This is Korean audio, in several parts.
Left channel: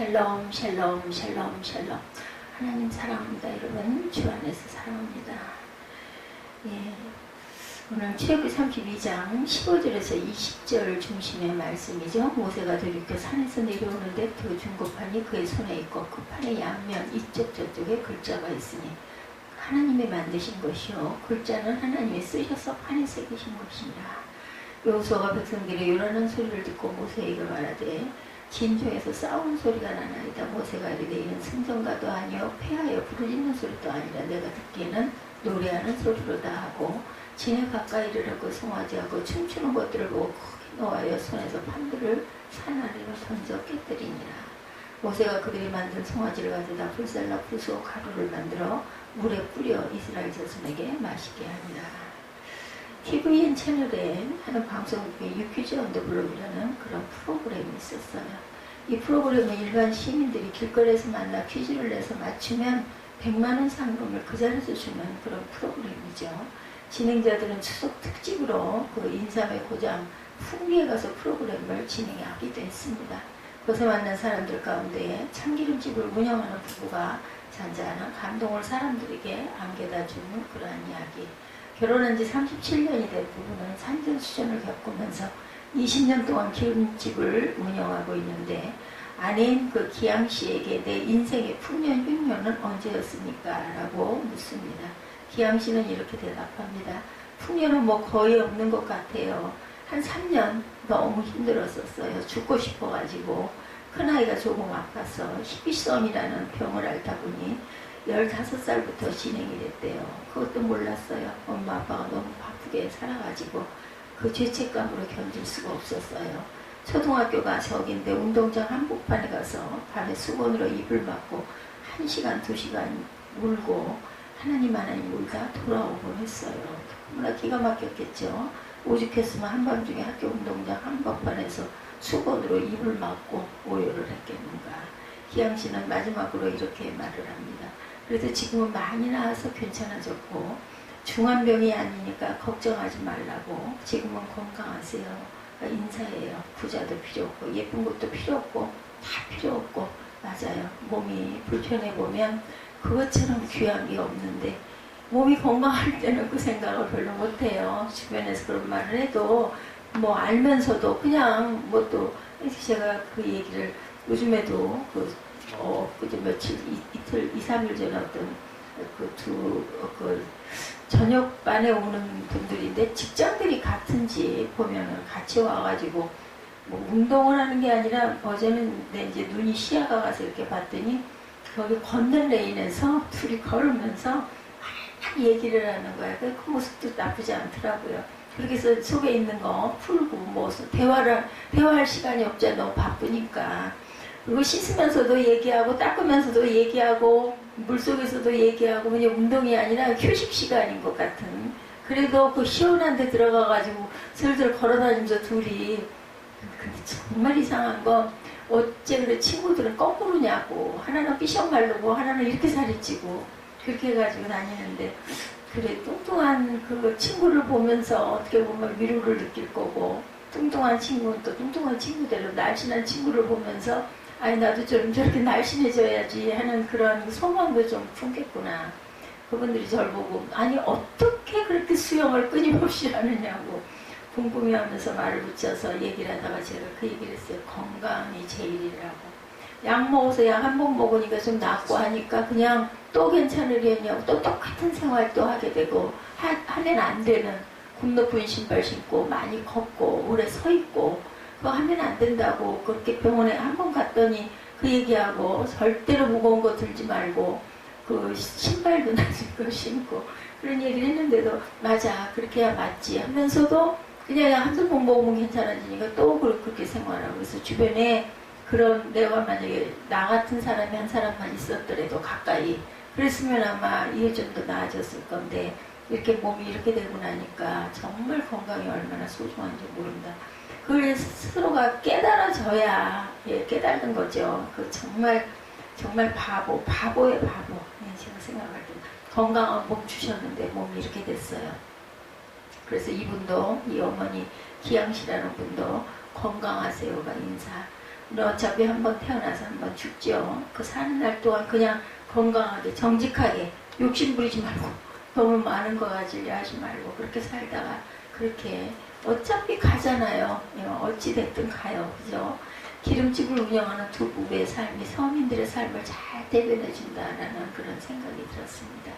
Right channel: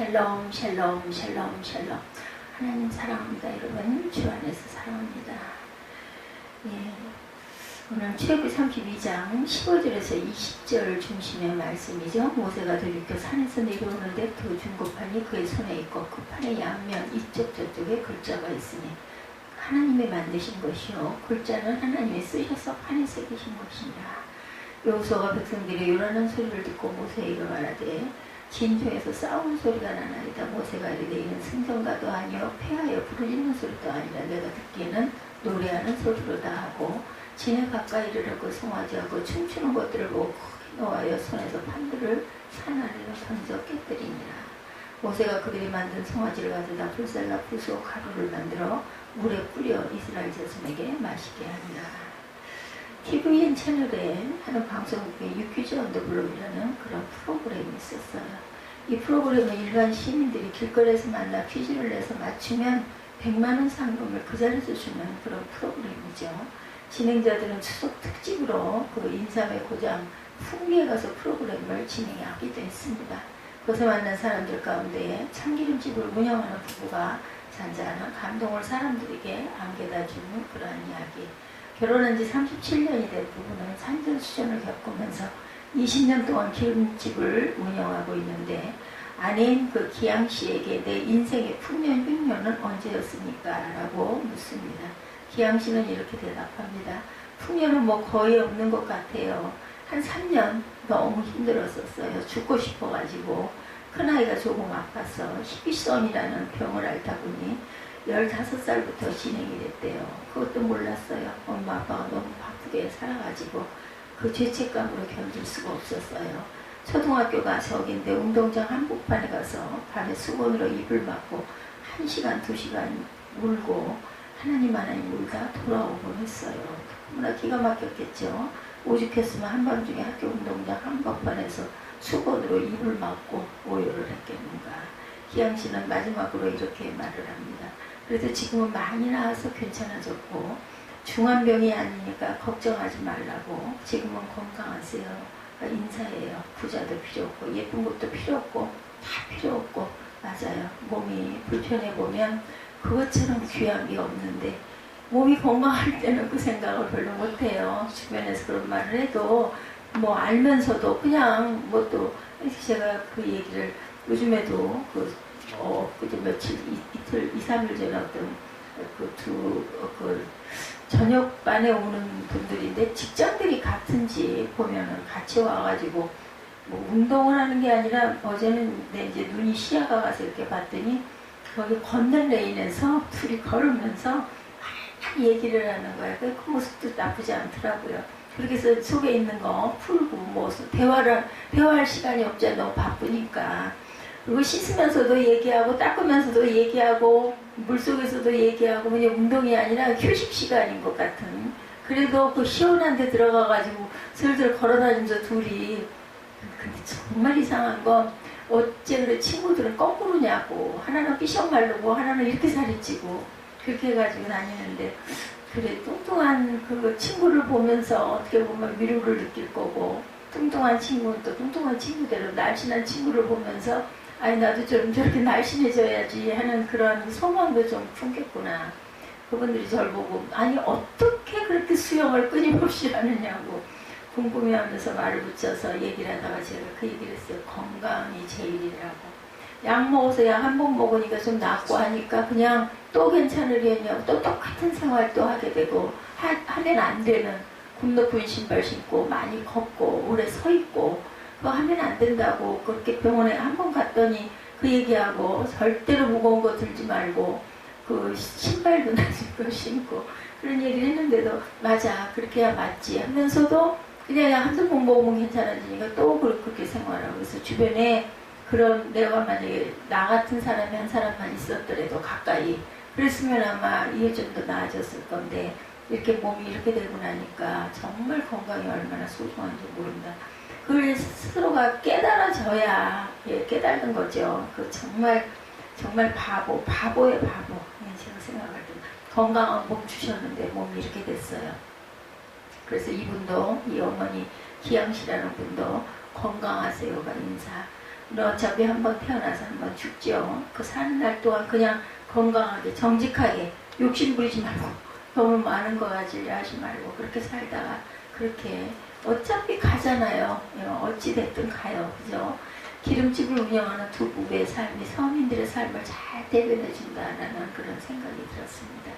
샬롬 샬롬 샬롬 샬롬. 하나님 사랑합니다. 여러분 주 안에서 사랑합니다. 예, 오늘 출애굽기 32장 15절에서 20절 중심의 말씀이죠. 모세가 들이켜 산에서 내려오는데 그 중고판이 그의 손에 있고 그 판의 양면 이쪽 저쪽에 글자가 있으니 하나님이 만드신 것이요 글자는 하나님이 쓰셔서 판에 새기신 것이니라. 여호수아가 백성들이 요란한 소리를 듣고 모세에게 말하되 진토에서 싸우는 소리가 나나이다. 모세가 이르되 이는 승전가도 아니요 패하여 부르짖는 소리도 아니라 내가 듣기에는 노래하는 소리로다 하고 진에 가까이 이르라고 송아지하고 춤추는 것들을 보고 크게 노하여 손에서 판들을 산 아래로 던져 깨뜨리니라. 모세가 그들이 만든 송아지를 가져다 불살라 부수어 가루를 만들어 물에 뿌려 이스라엘 자손에게 마시게 하니라. TVN 채널에 하는 방송국에 유퀴즈 언 더 블록이라는 그런 프로그램이 있었어요. 이 프로그램은 일반 시민들이 길거리에서 만나 퀴즈를 내서 맞추면 100만원 상금을 그 자리에서 주는 그런 프로그램이죠. 진행자들은 추석 특집으로 그 인삼의 고장 풍리에 가서 프로그램을 진행하기도 했습니다. 거기서 만난 사람들 가운데 참기름집을 운영하는 부부가 잔잔한 감동을 사람들에게 안겨다 주는 그러한 이야기. 결혼한 지 37년이 된 부부는 산전수전을 겪으면서 20년 동안 기름집을 운영하고 있는데 아내인 그 기양 씨에게 내 인생의 풍년 흉년은 언제였습니까? 라고 묻습니다. 기양 씨는 이렇게 대답합니다. 풍년은 뭐 거의 없는 것 같아요. 한 3년 너무 힘들었었어요. 죽고 싶어가지고 큰아이가 조금 아파서 희귀성이라는 병을 앓다 보니 15살부터 진행이 됐대요. 그것도 몰랐어요. 엄마 아빠가 너무 바쁘게 살아가지고 그 죄책감으로 견딜 수가 없었어요. 초등학교 가서긴데 운동장 한복판에 가서 밤에 수건으로 입을 막고 1시간 2시간 울고 하나님 울다 돌아오곤 했어요. 너무나 기가 막혔겠죠. 오죽했으면 한밤중에 학교 운동장 한복판에서 수건으로 입을 막고 오열을 했겠는가. 희양씨는 마지막으로 이렇게 말을 합니다. 그래도 지금은 많이 나아서 괜찮아졌고 중환병이 아니니까 걱정하지 말라고 지금은 건강하세요. 인사해요. 부자도 필요 없고 예쁜 것도 필요 없고 다 필요 없고 맞아요. 몸이 불편해 보면 그것처럼 귀한 게 없는데 몸이 건강할 때는 그 생각을 별로 못해요. 주변에서 그런 말을 해도 뭐 알면서도 그냥 뭐 또 제가 그 얘기를 요즘에도 그저 며칠 이틀 2-3일 전에 어떤 그 저녁반에 오는 분들인데 직장들이 같은지 보면은 같이 와가지고 뭐 운동을 하는 게 아니라 어제는 이제 눈이 시야가 가서 이렇게 봤더니 거기 걷는 레인에서 둘이 걸으면서 막 얘기를 하는 거야. 그 모습도 나쁘지 않더라고요. 그렇게 해서 속에 있는 거 풀고 뭐 대화할 시간이 없잖아. 너무 바쁘니까. 그리고 씻으면서도 얘기하고 닦으면서도 얘기하고 물속에서도 얘기하고 그냥 운동이 아니라 휴식 시간인 것 같은. 그래도 그 시원한 데 들어가가지고 슬슬 걸어다니면서 둘이. 근데 정말 이상한 건 어째 그래 친구들은 거꾸로냐고. 하나는 삐쩍 마르고 하나는 이렇게 살이 찌고 그렇게 해가지고 다니는데 그래 뚱뚱한 그 친구를 보면서 어떻게 보면 위로를 느낄 거고 뚱뚱한 친구는 또 뚱뚱한 친구대로 날씬한 친구를 보면서 아니 나도 좀 저렇게 날씬해져야지 하는 그런 소망도 좀 품겠구나. 그분들이 저를 보고 아니 어떻게 그렇게 수영을 끊임없이 하느냐고 궁금해하면서 말을 붙여서 얘기를 하다가 제가 그 얘기를 했어요. 건강이 제일이라고. 약 먹어서 약 한 번 먹으니까 좀 낫고 하니까 그냥 또 괜찮으려냐고 또 똑같은 생활도 하게 되고 하면 안 되는 굽 높은 신발 신고 많이 걷고 오래 서 있고 그거 하면 안 된다고 그렇게 병원에 한 번 갔더니 그 얘기하고 절대로 무거운 거 들지 말고 그 신발도 낮은 거 신고 그런 얘기를 했는데도 맞아 그렇게 해야 맞지 하면서도 그냥 한두 번 먹으면 괜찮아지니까 또 그렇게 생활하고 그래서 주변에 그런 내가 만약에 나 같은 사람이 한 사람만 있었더라도 가까이 그랬으면 아마 이게 좀 더 나아졌을 건데 이렇게 몸이 이렇게 되고 나니까 정말 건강이 얼마나 소중한지 모른다. 그걸 스스로가 깨달아져야 깨달는 거죠. 그 정말 바보의 바보. 제가 생각할 때 건강한 몸 주셨는데 몸이 이렇게 됐어요. 그래서 이분도 이 어머니 기양씨라는 분도 건강하세요가 인사. 어차피 한번 태어나서 한번 죽죠. 그 사는 날 동안 그냥 건강하게 정직하게 욕심 부리지 말고 너무 많은 거 가지려 하지 말고 그렇게 살다가 그렇게 어차피 가잖아요. 어찌됐든 가요. 그죠? 기름집을 운영하는 두 부부의 삶이 서민들의 삶을 잘 대변해 준다라는 그런 생각이 들었습니다.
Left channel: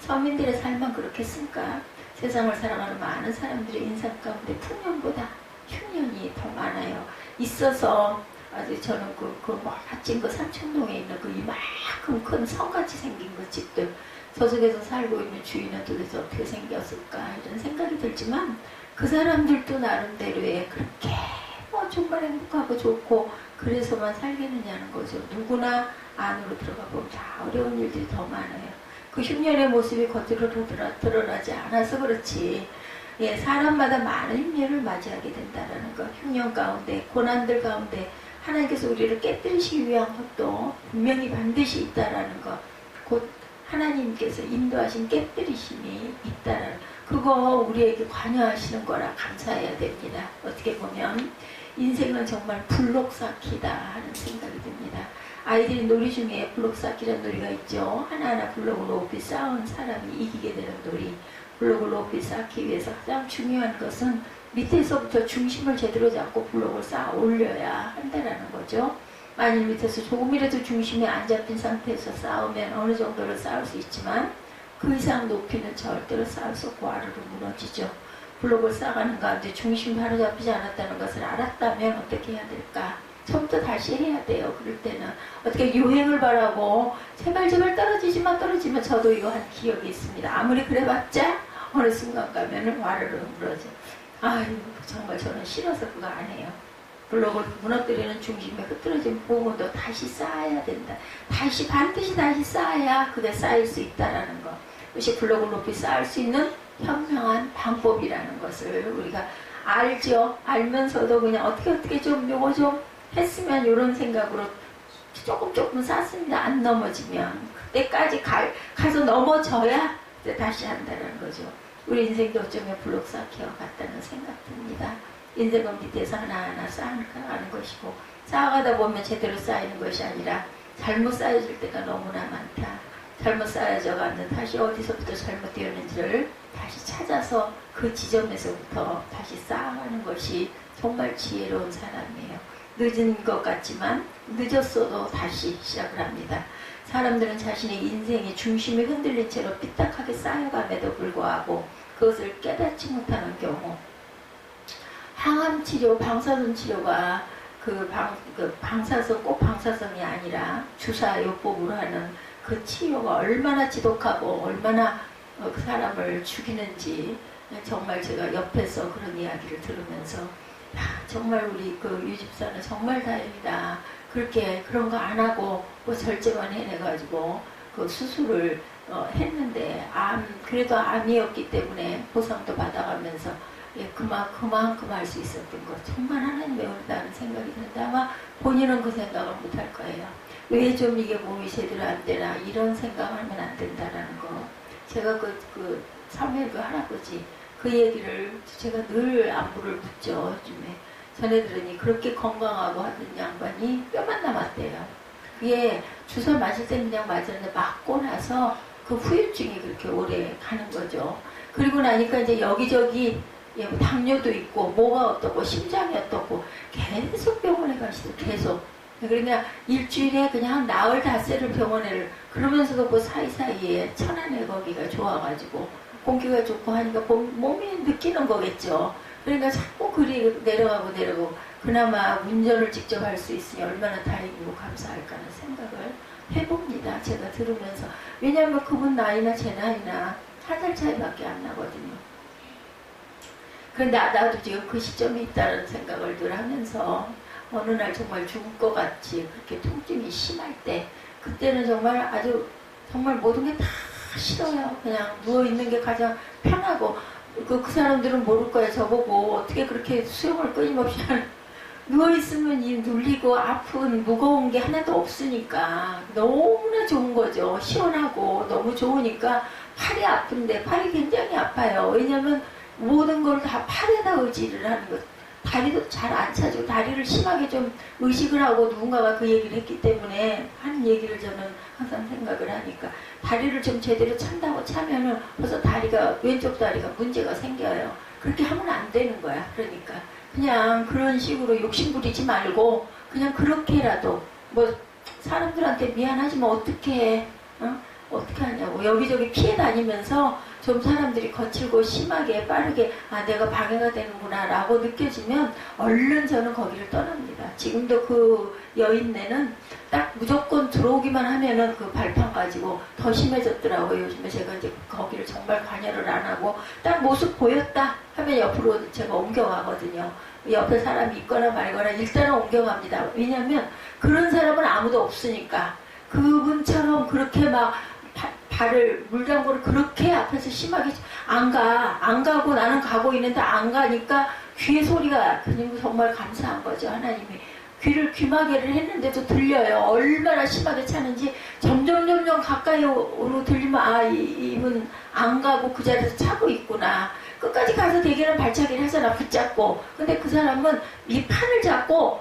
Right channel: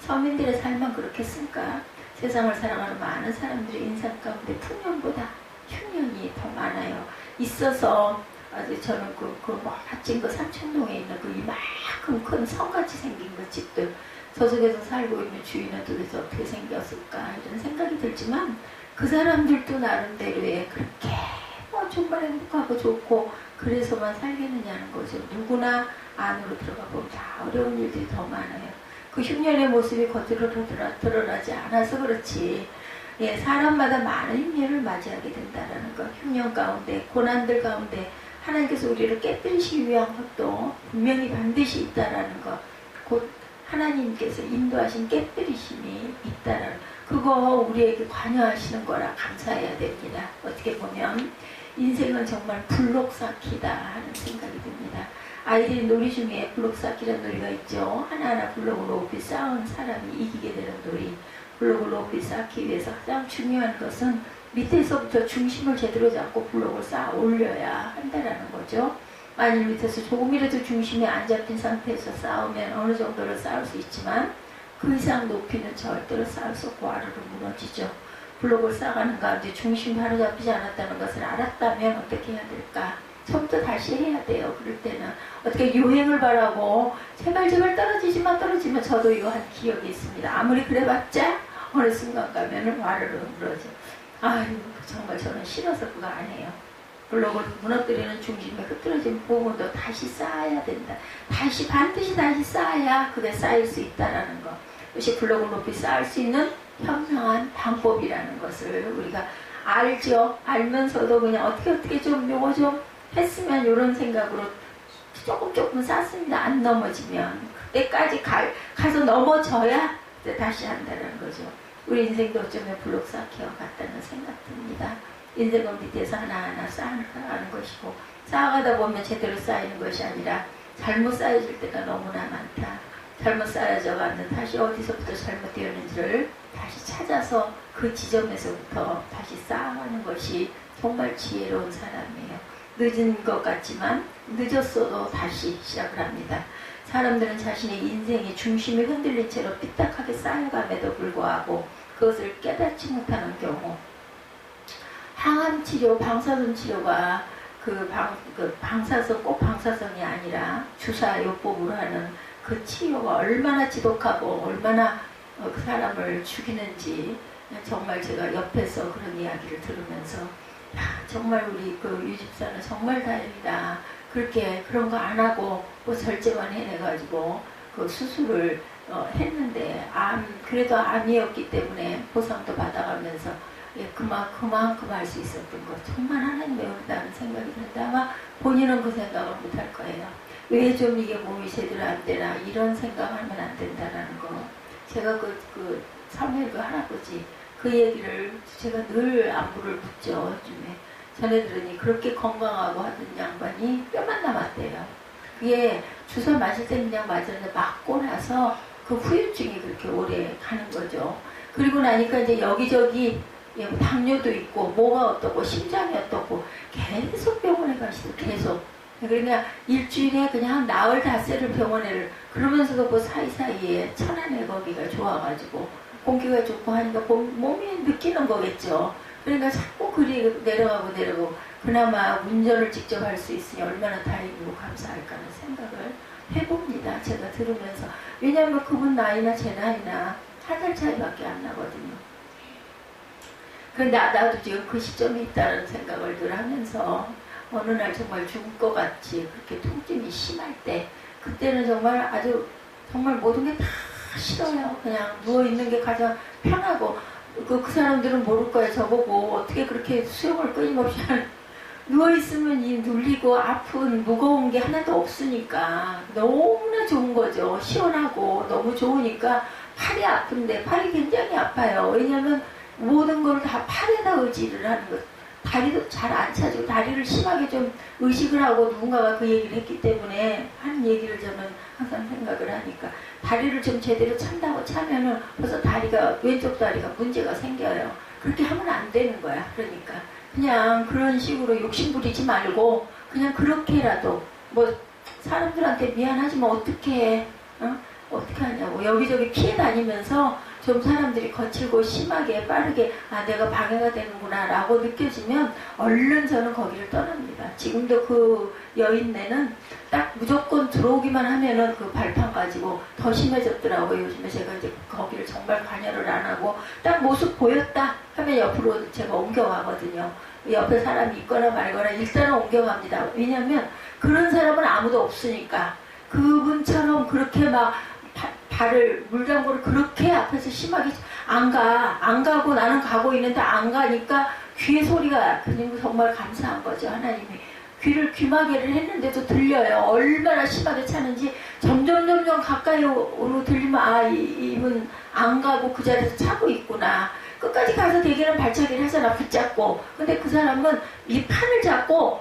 서민들의 삶만 그렇겠습니까? 세상을 살아가는 많은 사람들의 인생 가운데 풍년보다 흉년이 더 많아요. 있어서 아주 저는 그 멋진 그 삼청동에 있는 그 이만큼 큰 성같이 생긴 그 집들 저쪽에서 살고 있는 주인은 도대체 어떻게 생겼을까 이런 생각이 들지만 그 사람들도 나름대로의 그렇게 정말 행복하고 좋고 그래서만 살겠느냐는 거죠. 누구나 안으로 들어가 보면 다 어려운 일들이 더 많아요. 그 흉년의 모습이 겉으로 드러나지 않아서 그렇지 사람마다 많은 흉년을 맞이하게 된다는 것. 흉년 가운데 고난들 가운데 하나님께서 우리를 깨뜨리시기 위한 것도 분명히 반드시 있다라는 것. 곧 하나님께서 인도하신 깨뜨리심이 있다라는 그거 우리에게 관여하시는 거라 감사해야 됩니다. 어떻게 보면 인생은 정말 블록 쌓기다 하는 생각이 듭니다. 아이들이 놀이 중에 블록 쌓기라는 놀이가 있죠. 하나하나 블록을 높이 쌓은 사람이 이기게 되는 놀이. 블록을 높이 쌓기 위해서 가장 중요한 것은 밑에서부터 중심을 제대로 잡고 블록을 쌓아 올려야 한다는 거죠. 만일 밑에서 조금이라도 중심이 안 잡힌 상태에서 쌓으면 어느 정도를 쌓을 수 있지만 그 이상 높이는 절대로 쌓을 수 없고 아래로 무너지죠. 블록을 쌓아가는 가운데 중심이 바로 잡히지 않았다는 것을 알았다면 어떻게 해야 될까? 처음부터 다시 해야 돼요. 그럴 때는 어떻게 유행을 바라고 제발 떨어지면 저도 이거 한 기억이 있습니다. 아무리 그래봤자 어느 순간 가면은 와르르 무너져. 아유 정말 저는 싫어서 그거 안 해요. 블록을 무너뜨리는 중심에 흐트러진 부분도 다시 쌓아야 된다. 반드시 다시 쌓아야 그게 쌓일 수 있다라는 것. 그것이 블록을 높이 쌓을 수 있는 현명한 방법이라는 것을 우리가 알죠. 알면서도 그냥 어떻게 좀 요거 좀 했으면 이런 생각으로 조금 쌓습니다. 안 넘어지면 그때까지 가서 넘어져야 그때 다시 한다는 거죠. 우리 인생도 어쩌면 블록 쌓기와 같다는 생각 듭니다. 인생은 밑에서 하나하나 쌓아가는 것이고 쌓아가다 보면 제대로 쌓이는 것이 아니라 잘못 쌓여질 때가 너무나 많다. 잘못 쌓여져가는 다시 어디서부터 잘못되었는지를 다시 찾아서 그 지점에서부터 다시 쌓아가는 것이 정말 지혜로운 사람이에요. 늦은 것 같지만 늦었어도 다시 시작을 합니다. 사람들은 자신의 인생의 중심이 흔들린 채로 삐딱하게 쌓여감에도 불구하고 그것을 깨닫지 못하는 경우 항암치료, 방사선 치료가 방사선 꼭 방사선이 아니라 주사요법으로 하는 그 치료가 얼마나 지독하고 얼마나 그 사람을 죽이는지 정말 제가 옆에서 그런 이야기를 들으면서 정말 우리 그 유집사는 정말 다행이다. 그렇게 그런 거 안 하고 뭐 절제만 해내가지고 그 수술을 했는데 그래도 암이었기 때문에 보상도 받아가면서 그만큼 할 수 있었던 것 정말 하나님의 은혜라는 생각이 드는데 아마 본인은 그 생각을 못할 거예요. 왜 좀 이게 몸이 제대로 안 되나 이런 생각하면 안 된다라는 거. 제가 그 사무엘 그 할아버지 그 얘기를 제가 늘 안부를 묻죠. 요즘에 전에 들으니 그렇게 건강하고 하던 양반이 뼈만 남았대요. 그게 주사 맞을 때 그냥 맞았는데 맞고 나서 그 후유증이 그렇게 오래 가는 거죠. 그리고 나니까 이제 여기저기 당뇨도 있고 뭐가 어떻고 심장이 어떻고 계속 병원에 가시고 계속 그러니까 일주일에 그냥 나흘 닷새를 병원에를 그러면서도 뭐 사이사이에 천안에 거기가 좋아가지고 공기가 좋고 하니까 몸이 느끼는 거겠죠. 그러니까 자꾸 그리 내려가고 그나마 운전을 직접 할 수 있으니 얼마나 다행이고 감사할까 하는 생각을 해봅니다. 제가 들으면서. 왜냐하면 그분 나이나 제 나이나 한 살 차이밖에 안 나거든요. 그런데 나도 지금 그 시점에 있다는 생각을 늘 하면서 어느 날 정말 죽을 것 같이 그렇게 통증이 심할 때 그때는 정말 아주 정말 모든 게 다 싫어요. 그냥 누워있는 게 가장 편하고 그 사람들은 모를 거예요. 저보고 어떻게 그렇게 수영을 끊임없이 하는 누워있으면 이 눌리고 아픈 무거운 게 하나도 없으니까 너무나 좋은 거죠. 시원하고 너무 좋으니까 팔이 아픈데 팔이 굉장히 아파요. 왜냐면 모든 걸 다 팔에다 의지를 하는 것. 다리도 잘 안 차지고 다리를 심하게 좀 의식을 하고 누군가가 그 얘기를 했기 때문에 하는 얘기를 저는 항상 생각을 하니까 다리를 좀 제대로 찬다고 차면은 벌써 다리가 왼쪽 다리가 문제가 생겨요. 그렇게 하면 안 되는 거야. 그러니까 그냥 그런 식으로 욕심 부리지 말고 그냥 그렇게라도 뭐 사람들한테 미안하지만 어떻게 해? 어? 어떻게 하냐고 여기저기 피해 다니면서 좀 사람들이 거칠고 심하게 빠르게 아 내가 방해가 되는구나 라고 느껴지면 얼른 저는 거기를 떠납니다. 지금도 그 여인네는 딱 무조건 들어오기만 하면은 그 발판 가지고 더 심해졌더라고요. 요즘에 제가 이제 거기를 정말 관여를 안 하고 딱 모습 보였다 하면 옆으로 제가 옮겨가거든요. 옆에 사람이 있거나 말거나 일단은 옮겨갑니다. 왜냐면 그런 사람은 아무도 없으니까 그분처럼 그렇게 막 발을 물장구를 그렇게 앞에서 심하게 안 가고 나는 가고 있는데 안 가니까 귀에 소리가 그냥 정말 감사한 거죠. 하나님이 귀를 귀마개를 했는데도 들려요. 얼마나 심하게 차는지 점점 가까이로 들리면 아 이분 안 가고 그 자리에서 차고 있구나. 끝까지 가서 대개는 발차기를 하잖아. 붙잡고. 근데 그 사람은 이 판을 잡고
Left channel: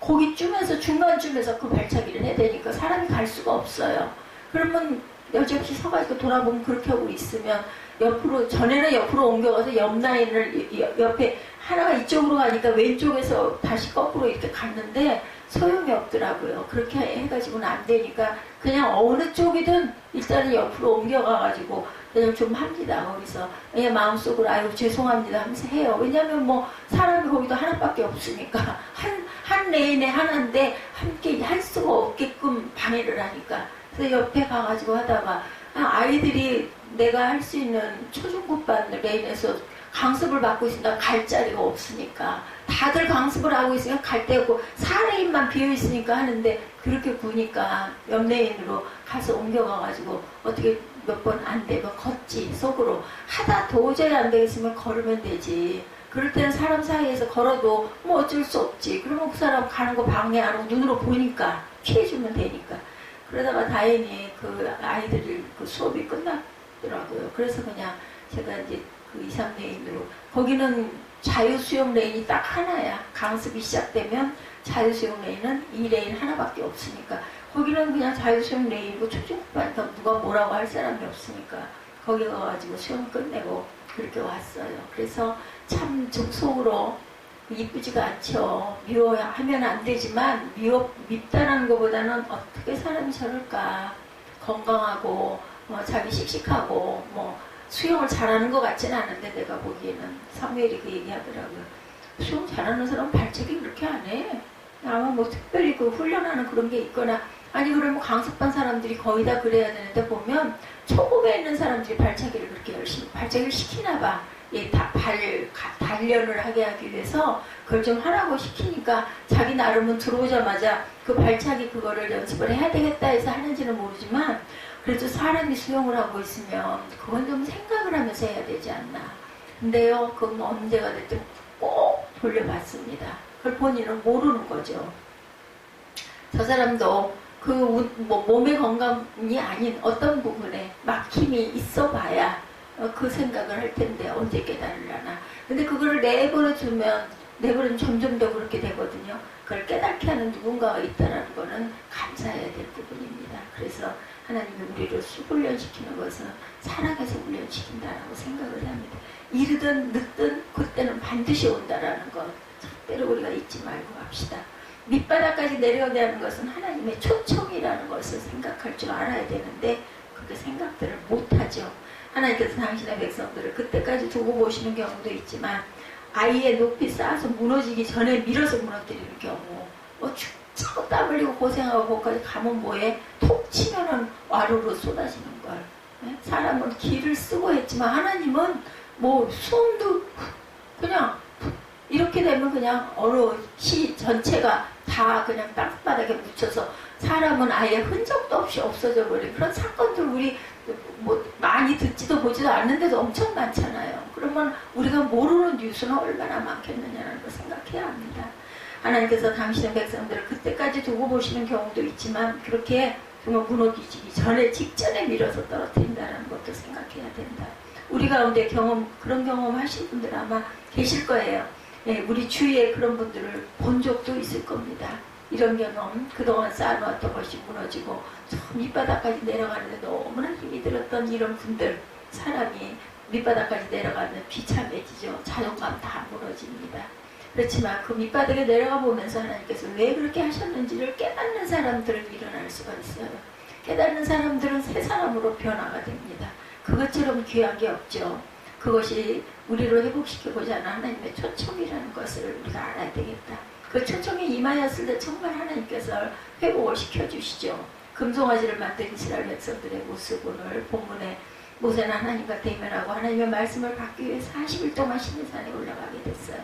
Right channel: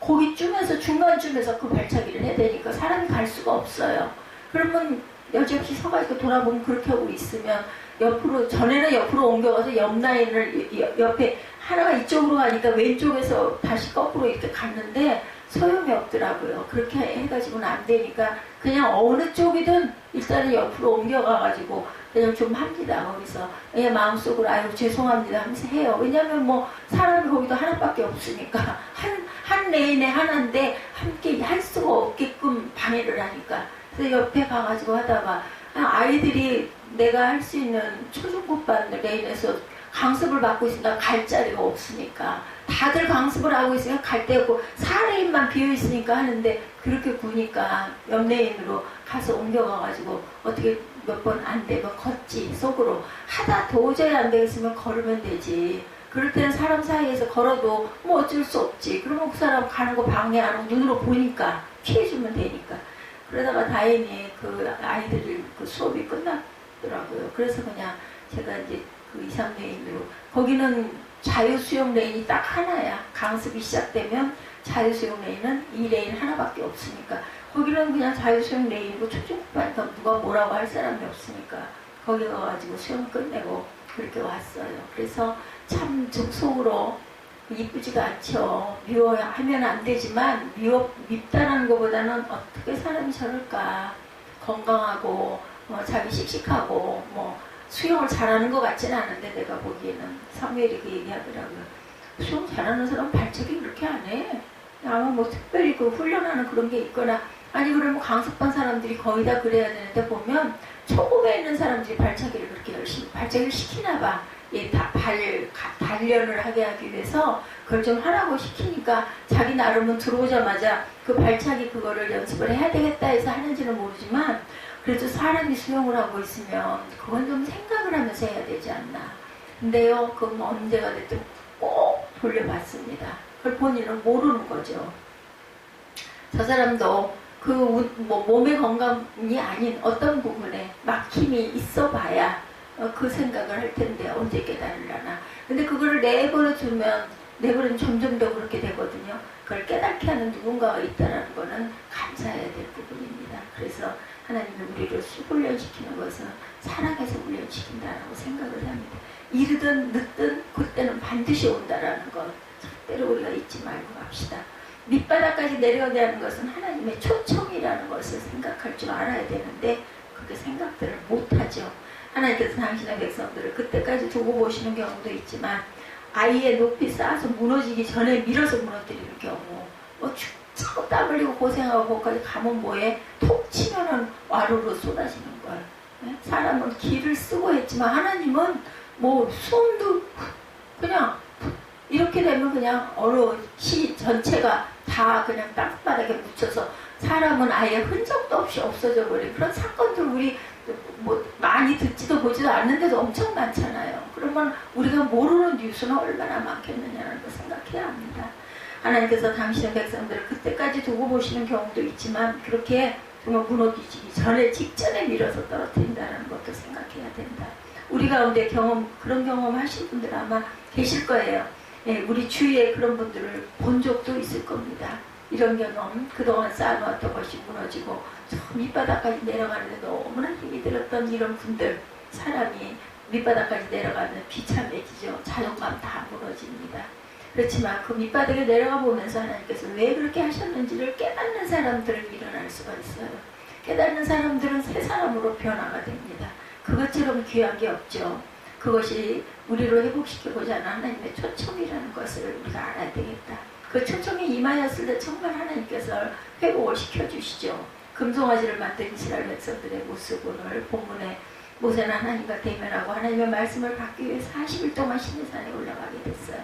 거기쯤에서 중간쯤에서 그 발차기를 해야 되니까 사람이 갈 수가 없어요. 그러면 여지없이 서가지고 돌아보면 그렇게 하고 있으면 옆으로 전에는 옆으로 옮겨가서 옆 라인을 옆에 하나가 이쪽으로 가니까 왼쪽에서 다시 거꾸로 이렇게 갔는데 소용이 없더라고요. 그렇게 해가지고는 안 되니까 그냥 어느 쪽이든 일단은 옆으로 옮겨가가지고 그냥 좀 합니다. 거기서 그냥 마음속으로 아유 죄송합니다 하면서 해요. 왜냐면 뭐 사람이 거기도 하나밖에 없으니까 한 레인에 하나인데 함께 할 수가 없게끔 방해를 하니까 그래서 옆에 가가지고 하다가 아이들이 내가 할 수 있는 초중급반 레인에서 강습을 받고 있으니까 갈 자리가 없으니까 다들 강습을 하고 있으니까 갈 데 없고 4레인만 비어있으니까 하는데 그렇게 구니까 옆 레인으로 가서 옮겨가가지고 어떻게 몇 번 안 되면 걷지 속으로 하다 도저히 안 되겠으면 걸으면 되지. 그럴 때는 사람 사이에서 걸어도 뭐 어쩔 수 없지. 그러면 그 사람 가는 거 방해 안 하고 눈으로 보니까 피해주면 되니까. 그러다가 다행히 그 아이들이 그 수업이 끝났더라고요. 그래서 그냥 제가 이제 그 2, 3레인으로 거기는 자유수영 레인이 딱 하나야. 강습이 시작되면 자유수영 레인은 2레인 하나밖에 없으니까 거기는 그냥 자유수영 레인이고 초중반이니까 누가 뭐라고 할 사람이 없으니까 거기 가가지고 수영 끝내고 그렇게 왔어요. 그래서 참 속으로 이쁘지가 않죠. 미워하면 안 되지만 밉다는 것보다는 어떻게 사람이 저럴까. 건강하고 자기 씩씩하고 뭐 수영을 잘하는 것 같지는 않은데 내가 보기에는 사무엘이 그 얘기하더라고요. 수영 잘하는 사람은 발차기 그렇게 안 해. 아마 뭐 특별히 그 훈련하는 그런 게 있거나 아니 그러면 강습반 사람들이 거의 다 그래야 되는데 보면 초급에 있는 사람들이 발차기를 그렇게 열심히 발차기를 시키나 봐. 단련을 하게 하기 위해서 그걸 좀 하라고 시키니까 자기 나름은 들어오자마자 그 발차기 그거를 연습을 해야 되겠다 해서 하는지는 모르지만 그래도 사람이 수영을 하고 있으면 그건 좀 생각을 하면서 해야 되지 않나. 근데요 그건 언제가 됐든 꼭 돌려봤습니다. 그걸 본인은 모르는 거죠. 저 사람도 그 몸의 건강이 아닌 어떤 부분에 막힘이 있어 봐야 그 생각을 할 텐데 언제 깨달으려나. 근데 그거를 내버려주면 점점 더 그렇게 되거든요. 그걸 깨닫게 하는 누군가가 있다는 거는 감사해야 될 부분입니다. 그래서 하나님이 우리를 훈련시키는 것은 사랑해서 훈련시킨다라고 생각을 합니다. 이르든 늦든 그때는 반드시 온다라는 것 절대로 우리가 잊지 말고 합시다. 밑바닥까지 내려가게 하는 것은 하나님의 초청이라는 것을 생각할 줄 알아야 되는데 그렇게 생각들을 못하죠. 하나님께서 당신의 백성들을 그때까지 두고 보시는 경우도 있지만 아이의 높이 쌓아서 무너지기 전에 밀어서 무너뜨리는 경우 뭐 죽고 땀 흘리고 고생하고 거기까지 가면 뭐해? 톡 치면은 와르르 쏟아지는 걸. 네? 사람은 기를 쓰고 했지만 하나님은 뭐 숨도 그냥 이렇게 되면 그냥 어느 시 전체가 다 그냥 땅바닥에 묻혀서 사람은 아예 흔적도 없이 없어져 버린 그런 사건들 우리 뭐 많이 듣지도 보지도 않는데도 엄청 많잖아요. 그러면 우리가 모르는 뉴스는 얼마나 많겠느냐는 걸 생각해야 합니다. 하나님께서 당신의 백성들을 그때까지 두고 보시는 경우도 있지만 그렇게 정말 무너지기 전에 직전에 밀어서 떨어뜨린다는 것도 생각해야 된다. 우리 가운데 그런 경험 하신 분들 아마 계실 거예요. 예, 우리 주위에 그런 분들을 본 적도 있을 겁니다. 이런 경험, 그동안 쌓아놓았던 것이 무너지고 저 밑바닥까지 내려가는데 너무나 힘이 들었던 이런 분들, 사람이 밑바닥까지 내려가면 비참해지죠. 자존감 다 무너집니다. 그렇지만 그 밑바닥에 내려가 보면서 하나님께서 왜 그렇게 하셨는지를 깨닫는 사람들은 일어날 수가 있어요. 깨닫는 사람들은 새 사람으로 변화가 됩니다. 그것처럼 귀한 게 없죠. 그것이 우리를 회복시키고자 하는 하나님의 초청이라는 것을 우리가 알아야 되겠다. 그 초청이 임하였을 때 정말 하나님께서 회복을 시켜주시죠. 금송아지를 만든 이스라엘 백성들의 모습, 오늘 본문에 모세는 하나님과 대면하고 하나님의 말씀을 받기 위해 40일 동안 시내산에 올라가게 됐어요.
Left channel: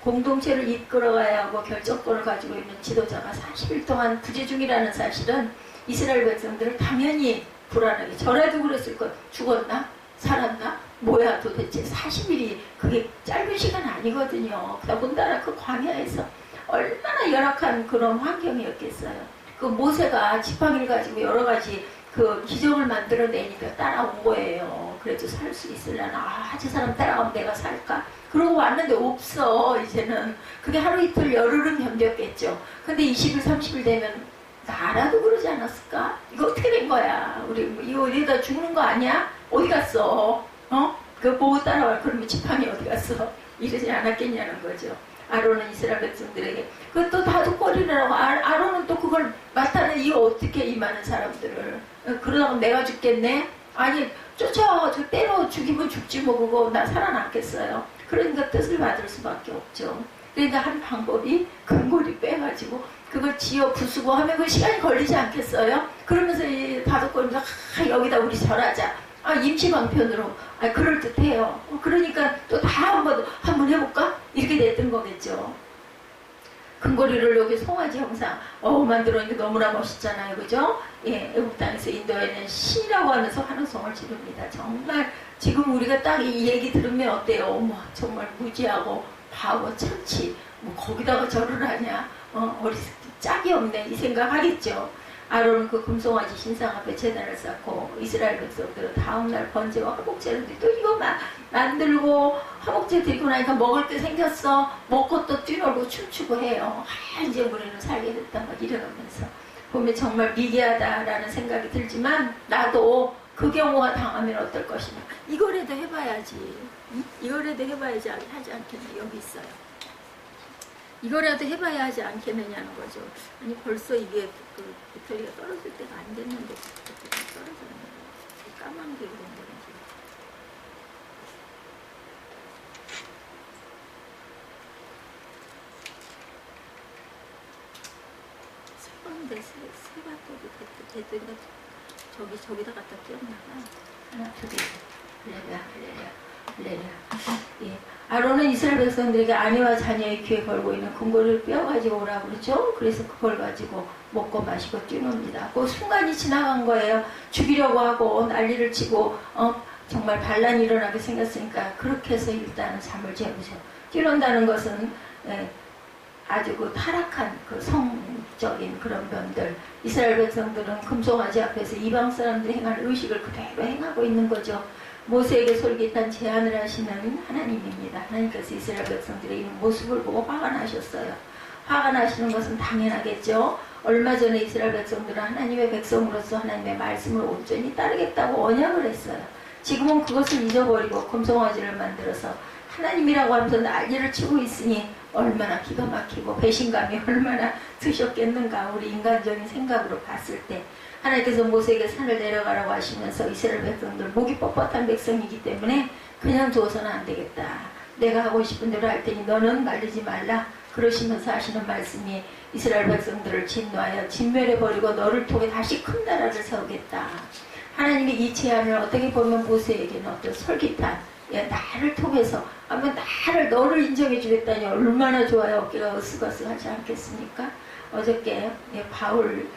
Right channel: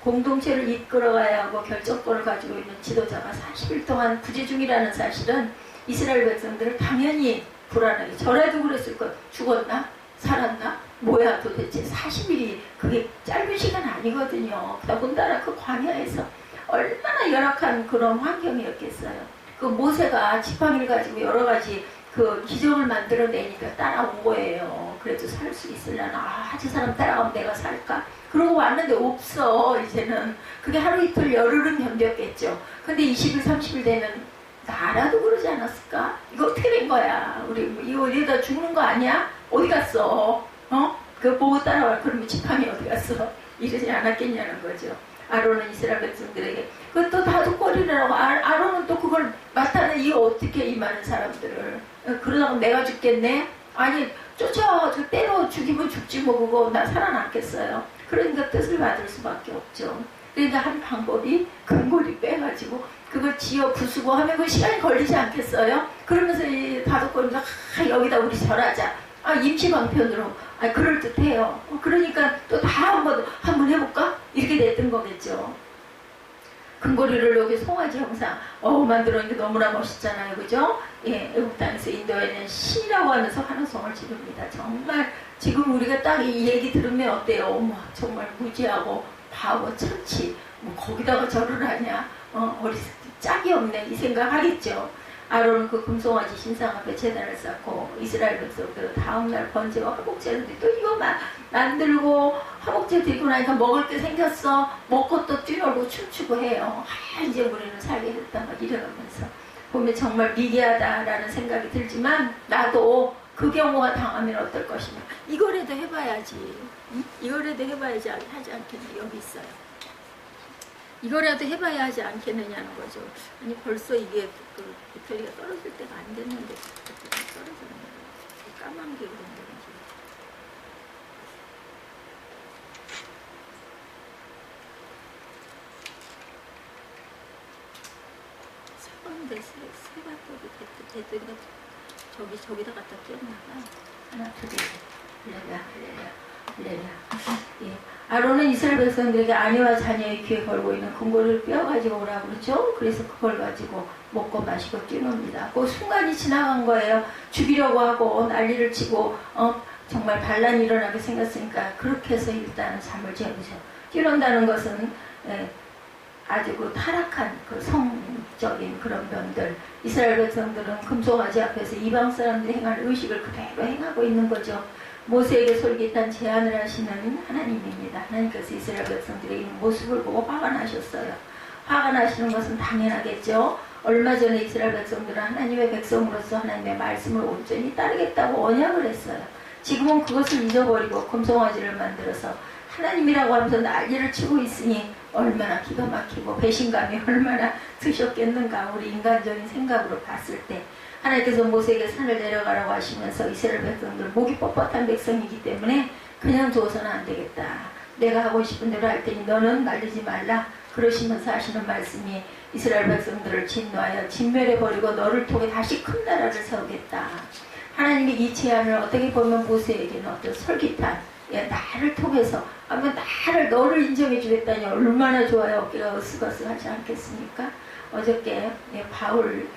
공동체를 이끌어가야 하고 결정권을 가지고 있는 지도자가 40일 동안 부재 중이라는 사실은 이스라엘 백성들을 당연히 불안하게, 저라도 그랬을 것, 죽었나? 살았나? 뭐야 도대체 40일이 그게 짧은 시간 아니거든요. 더군다나 그 광야에서 얼마나 열악한 그런 환경이었겠어요. 그 모세가 지팡이를 가지고 여러 가지 그 기적을 만들어내니까 따라온 거예요. 그래도 살 수 있으려나? 저 사람 따라가면 내가 살까? 그러고 왔는데 없어. 이제는 그게 하루 이틀 열흘은 견뎠겠죠. 근데 20일 30일 되면 나라도 그러지 않았을까? 이거 어떻게 된 거야? 우리 이거 이러다 죽는 거 아니야? 어디 갔어? 그거 보고 따라와. 그러면 지팡이 어디 갔어? 이러지 않았겠냐는 거죠. 아론은 이스라엘 백성들에게 그것도 다독거리라고. 아론은 또 그걸 맡아내. 이거 어떻게 이 많은 사람들을 그러다가 내가 죽겠네? 아니 쫓아 저 때려 죽이면 죽지 뭐 그거 나 살아남겠어요. 그러니까 뜻을 받을 수밖에 없죠. 그러니까 한 방법이 근거리 빼가지고 그걸 지어 부수고 하면 그 시간이 걸리지 않겠어요? 그러면서 이 다독거리면서 여기다 우리 절하자. 임시방편으로 그럴듯해요. 그러니까 또 다 한번 해볼까? 이렇게 됐던 거겠죠. 근거리를 여기 송아지 형상 만들었는데 너무나 멋있잖아요. 그죠? 예, 애국 땅에서 인도에는 신이라고 하면서 환호성을 지릅니다. 정말 지금 우리가 딱 이 얘기 들으면 어때요? 어머, 정말 무지하고 바보 천치 뭐 거기다가 절을 하냐? 짝이 없네 이 생각 하겠죠. 아론은 그 금송아지 신상 앞에 제단을 쌓고 이스라엘 백성들은 다음날 번제와 화목제를 또 이거 만들고 화목제 드리고 나니까 먹을 게 생겼어. 먹고 또 뛰놀고 춤추고 해요. 이제 우리는 살게 됐다 막 이러면서 보면 정말 미개하다라는 생각이 들지만 나도 그 경우가 당하면 어떨 것이냐. 이거라도 해봐야지. 응? 이거라도 해봐야지 하지 않겠나. 여기 있어요. 이거라도 해봐야 하지 않겠느냐는 거죠. 아니 벌써 이게 그 배터리가 떨어질 때가 안 됐는데 떨어졌네. 까만 게 그런 건지. 세 배터리 됐더니 저기다 갖다 끼웠나봐. 하나 둘 할렐루야. 예. 아론은 이스라엘 백성들에게 아내와 자녀의 귀에 걸고 있는 금고를 빼어가지고 오라고 그러죠. 그래서 그걸 가지고 먹고 마시고 뛰놉니다. 그 순간이 지나간 거예요. 죽이려고 하고 난리를 치고 정말 반란이 일어나게 생겼으니까 그렇게 해서 일단 잠을 재우죠. 뛰논다는 것은 아주 그 타락한 그 성적인 그런 면들. 이스라엘 백성들은 금송아지 앞에서 이방 사람들이 행하는 의식을 그대로 행하고 있는 거죠. 모세에게 솔깃한 제안을 하시는 하나님입니다. 하나님께서 이스라엘 백성들의 이 모습을 보고 화가 나셨어요. 화가 나시는 것은 당연하겠죠. 얼마 전에 이스라엘 백성들은 하나님의 백성으로서 하나님의 말씀을 온전히 따르겠다고 언약을 했어요. 지금은 그것을 잊어버리고 금송아지를 만들어서 하나님이라고 하면서 난리를 치고 있으니 얼마나 기가 막히고 배신감이 얼마나 드셨겠는가. 우리 인간적인 생각으로 봤을 때 하나님께서 모세에게 산을 내려가라고 하시면서 이스라엘 백성들 목이 뻣뻣한 백성이기 때문에 그냥 두어서는 안 되겠다. 내가 하고 싶은 대로 할 테니 너는 말리지 말라. 그러시면서 하시는 말씀이 이스라엘 백성들을 진노하여 진멸해버리고 너를 통해 다시 큰 나라를 세우겠다. 하나님의 이 제안을 어떻게 보면 모세에게는 어떤 솔깃한 나를 통해서 아마 너를 인정해 주겠다니 얼마나 좋아요. 어깨가 으쓱으쓱하지 않겠습니까? 어저께 바울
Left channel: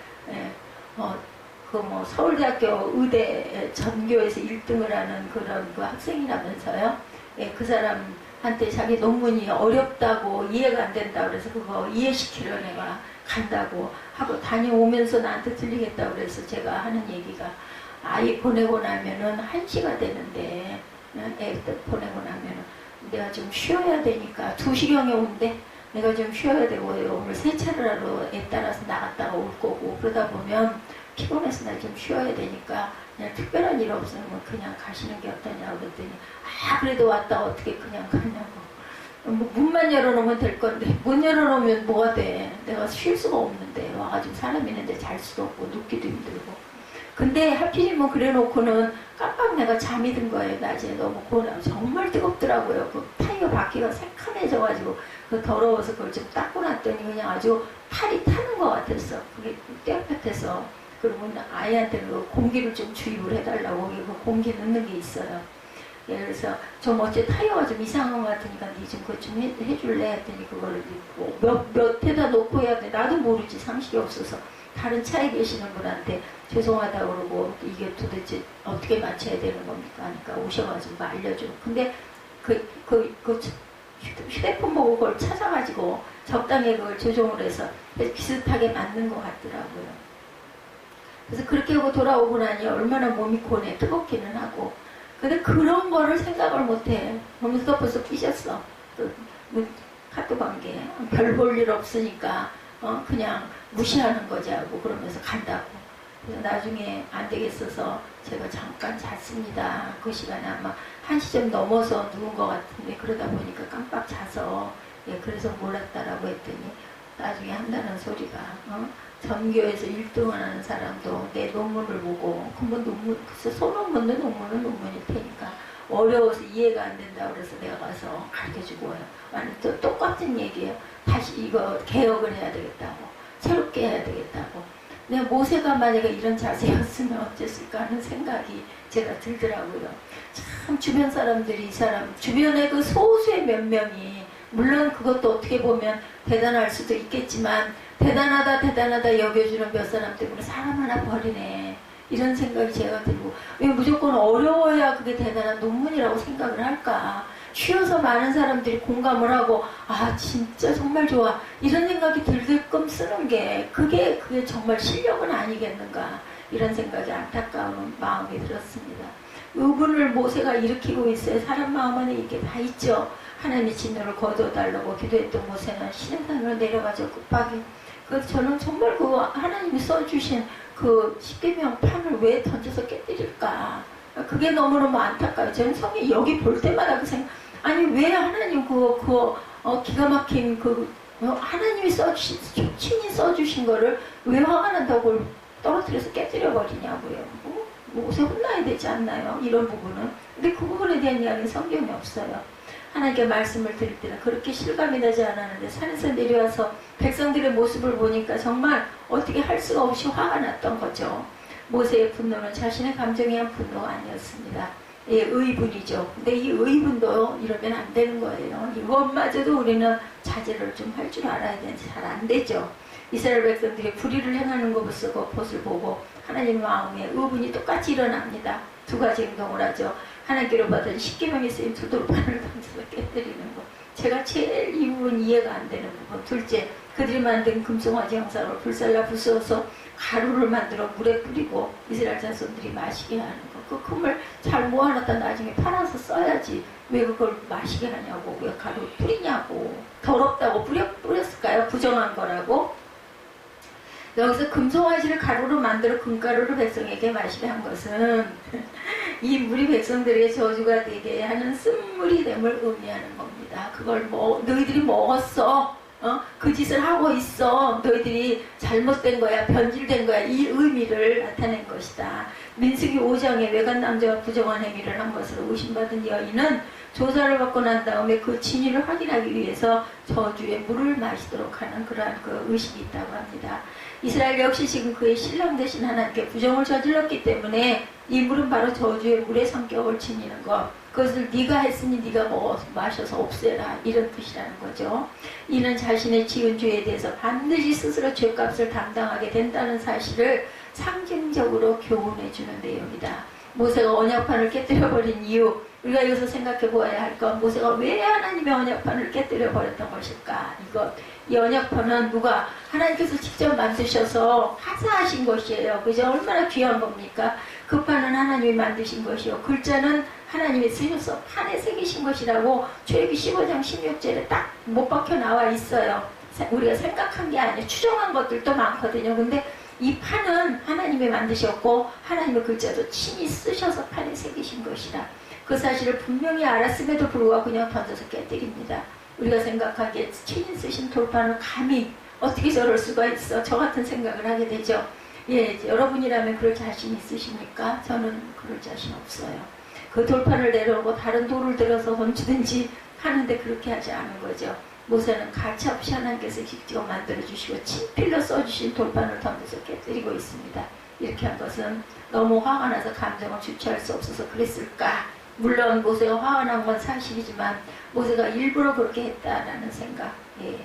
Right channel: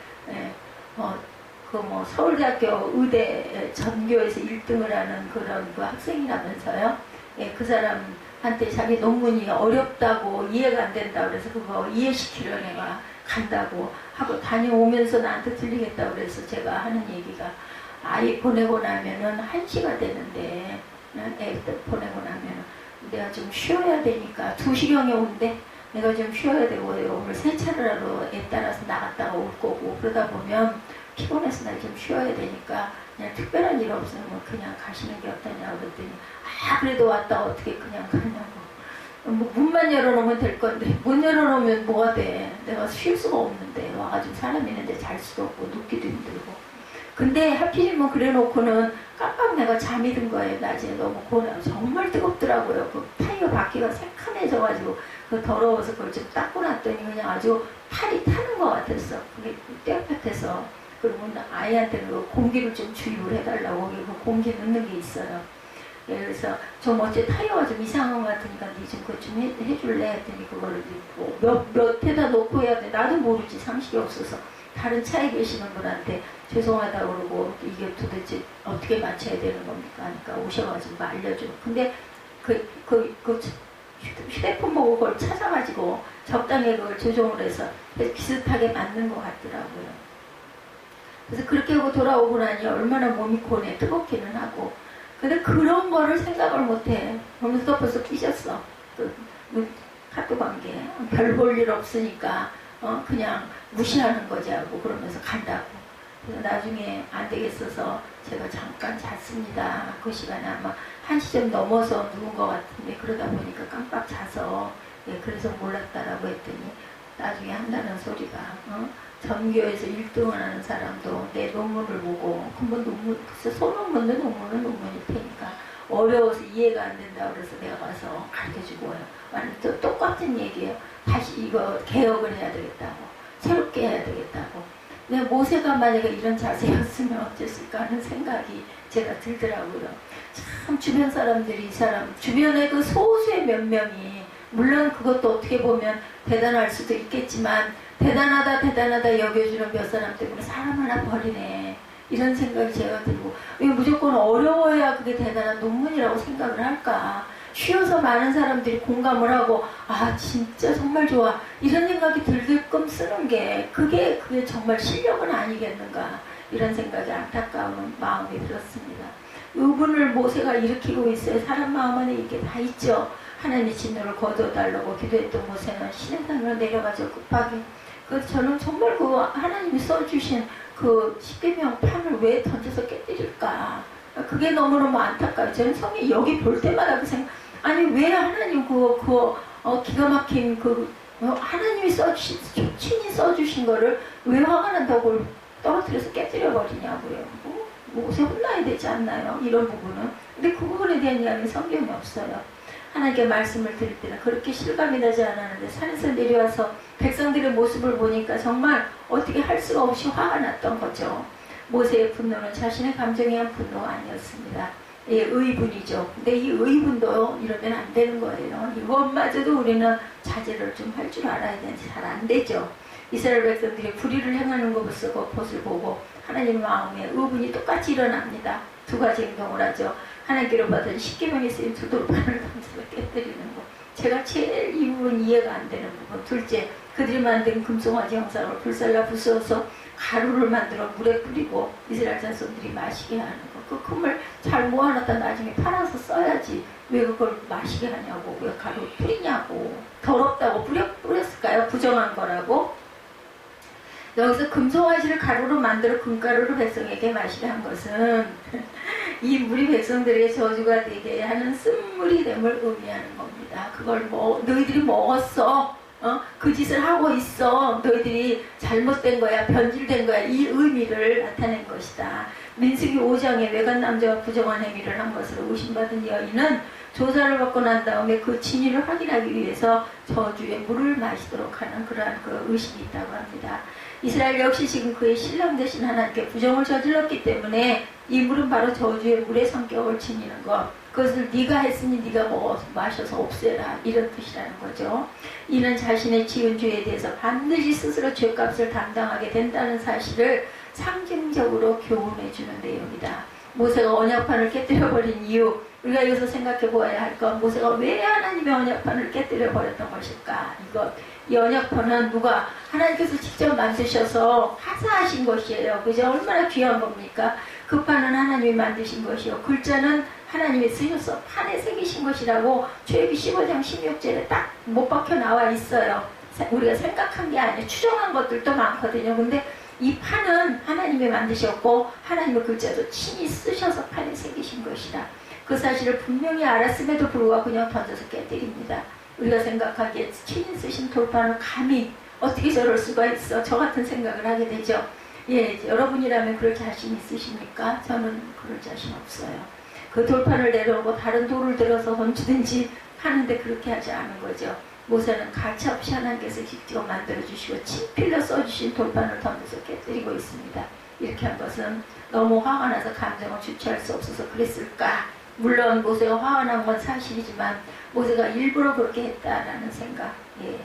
서울대학교 의대 전교에서 1등을 하는 그런 그 학생이라면서요. 그 사람한테 자기 논문이 어렵다고 이해가 안 된다 그래서 그거 이해시키려 내가 간다고 하고 다녀오면서 나한테 들리겠다고 그래서 제가 하는 얘기가 아이 보내고 나면은 1시가 되는데 애 보내고 나면은 내가 좀 쉬어야 되니까 2시경에 온대. 내가 좀 쉬어야 되고 오늘 세차를 하러 애 따라서 나갔다가 올 거고 그러다 보면 피곤해서 나 좀 쉬어야 되니까 그냥 특별한 일 없으면 그냥 가시는 게 어떠냐고 그랬더니 그래도 왔다 어떻게 그냥 가냐고. 뭐 문만 열어놓으면 될 건데 문 열어놓으면 뭐가 돼. 내가 쉴 수가 없는데 와가지고 사람 있는데 잘 수도 없고 눕기도 힘들고. 근데 하필이면 그래놓고는 깜빡 내가 잠이 든 거예요. 낮에 너무 고나 정말 뜨겁더라고요. 그 타이어 바퀴가 새카매져가지고 그 더러워서 그걸 좀 닦고 났더니 그냥 아주 팔이 타는 것 같았어. 그게 땡볕에서. 그리고 아이한테 그 공기를 좀 주입을 해달라고 그 공기 넣는 게 있어요. 예, 그래서 좀 어째 타이어가 좀 이상한 것 같으니까 니 좀 그거 좀 해줄래 했더니 그거를 몇 회다 놓고 해야 돼. 나도 모르지 상식이 없어서. 다른 차에 계시는 분한테 죄송하다고 그러고 이게 도대체 어떻게 맞춰야 되는 겁니까? 하니까 오셔가지고 알려줘. 근데 휴대폰 보고 그걸 찾아가지고 적당히 그걸 조정을 해서 비슷하게 맞는 것 같더라고요. 그래서 그렇게 하고 돌아오고 나니 얼마나 몸이 고네. 뜨겁기는 하고. 근데 그런 거를 생각을 못해. 그러면서 벌써 삐졌어. 또 카톡 관계. 별 볼 일 없으니까 그냥 무시하는 거지 하고 그러면서 간다고. 그래서 나중에 안 되겠어서 제가 잠깐 잤습니다. 그 시간에 아마 1시 좀 넘어서 누운 것 같은데 그러다 보니까 깜빡 자서 그래서 몰랐다라고 했더니 나중에 한다는 소리가 전교에서 1등을 하는 사람도 내 논문을 보고 그뭐 논문 글쎄 소논문도 논문은 논문일 테니까 어려워서 이해가 안 된다 그래서 내가 가서 가르쳐주고 와요. 완전 똑같은 얘기예요. 다시 이거 개혁을 해야 되겠다고 새롭게 해야 되겠다고. 근데 모세가 만약에 이런 자세였으면 어땠을까 하는 생각이 제가 들더라고요. 참 주변 사람들이 이 사람 주변에 그 소수의 몇 명이 물론 그것도 어떻게 보면 대단할 수도 있겠지만 대단하다 여겨주는 몇 사람 때문에 사람 하나 버리네 이런 생각이 제가 들고 왜 무조건 어려워야 그게 대단한 논문이라고 생각을 할까. 쉬어서 많은 사람들이 공감을 하고 진짜 정말 좋아 이런 생각이 들게끔 쓰는 게 그게 정말 실력은 아니겠는가 이런 생각이 안타까운 마음이 들었습니다. 의분을 모세가 일으키고 있어요. 사람 마음 안에 이게 다 있죠. 하나님의 진노를 거둬달라고 기도했던 모세는 시내산으로 내려가서 급하게 저는 정말 그 하나님이 써주신 그 십계명 판을 왜 던져서 깨뜨릴까 그게 너무너무 안타까워요. 저는 성에 여기 볼 때마다 그 생각 아니 왜 하나님 기가 막힌 하나님이 친히 써주신 거를 왜 화가 난다고 떨어뜨려서 깨뜨려 버리냐고요. 모세 혼나야 되지 않나요? 이런 부분은. 근데 그 부분에 대한 이야기는 성경이 없어요. 하나님께 말씀을 드릴 때는 그렇게 실감이 나지 않았는데 산에서 내려와서 백성들의 모습을 보니까 정말 어떻게 할 수가 없이 화가 났던 거죠. 모세의 분노는 자신의 감정에 의한 분노가 아니었습니다. 의분이죠. 근데 이 의분도 이러면 안 되는 거예요. 이것마저도 우리는 자제를 좀 할 줄 알아야 되는데 잘 안 되죠. 이스라엘 백성들이 불의를 행하는 것을 보고 하나님 마음에 의분이 똑같이 일어납니다. 두 가지 행동을 하죠. 하나님께로 받은 십계명에 쓰인 두 돌판을 던져서 깨뜨리는 것. 제가 제일 이 부분 이해가 안 되는 부분. 둘째, 그들이 만든 금송아지 형상으로 불살라 부수어서 가루를 만들어 물에 뿌리고 이스라엘 자손들이 마시게 하는 것. 그 금을 잘 모아놨다 나중에 팔아서 써야지 왜 그걸 마시게 하냐고 왜 가루 뿌리냐고. 더럽다고 뿌렸을까요? 부정한 거라고. 여기서 금송아지를 가루로 만들어 금가루를 백성에게 마시게 한 것은 이 물이 백성들에게 저주가 되게 하는 쓴물이 됨을 의미하는 겁니다. 그걸 너희들이 먹었어. 그 짓을 하고 있어. 너희들이 잘못된 거야. 변질된 거야. 이 의미를 나타낸 것이다. 민수기 5장에 외간 남자가 부정한 행위를 한 것으로 의심받은 여인은 조사를 받고 난 다음에 그 진위를 확인하기 위해서 저주의 물을 마시도록 하는 그러한 그 의식이 있다고 합니다. 이스라엘 역시 지금 그의 신랑 되신 하나님께 부정을 저질렀기 때문에 이 물은 바로 저주의 물의 성격을 지니는 것. 그것을 네가 했으니 네가 마셔서 없애라 이런 뜻이라는 거죠. 이는 자신의 지은 죄에 대해서 반드시 스스로 죄값을 담당하게 된다는 사실을 상징적으로 교훈해 주는 내용이다. 모세가 언약판을 깨뜨려버린 이유 우리가 여기서 생각해 보아야 할 건 모세가 왜 하나님의 언약판을 깨뜨려 버렸던 것일까? 이 언약판은 누가 하나님께서 직접 만드셔서 하사하신 것이에요. 그죠? 얼마나 귀한 겁니까? 그 판은 하나님이 만드신 것이요. 글자는 하나님이 쓰셔서 판에 새기신 것이라고 출애굽기 15장 16절에 딱 못 박혀 나와 있어요. 우리가 생각한 게 아니에요. 추정한 것들도 많거든요. 근데 이 판은 하나님이 만드셨고 하나님의 글자도 친히 쓰셔서 판에 새기신 것이라 그 사실을 분명히 알았음에도 불구하고 그냥 던져서 깨뜨립니다. 우리가 생각하기에 친히 쓰신 돌판을 감히 어떻게 저럴 수가 있어? 저 같은 생각을 하게 되죠. 예, 여러분이라면 그럴 자신 있으십니까? 저는 그럴 자신 없어요. 그 돌판을 내려오고 다른 돌을 들어서 던지든지 하는데 그렇게 하지 않은 거죠. 모세는 가차없이 하나님께서 직접 만들어주시고 친필로 써주신 돌판을 던져서 깨뜨리고 있습니다. 이렇게 한 것은 너무 화가 나서 감정을 주체할 수 없어서 그랬을까? 물론 모세가 화가 난 건 사실이지만 모세가 일부러 그렇게 했다라는 생각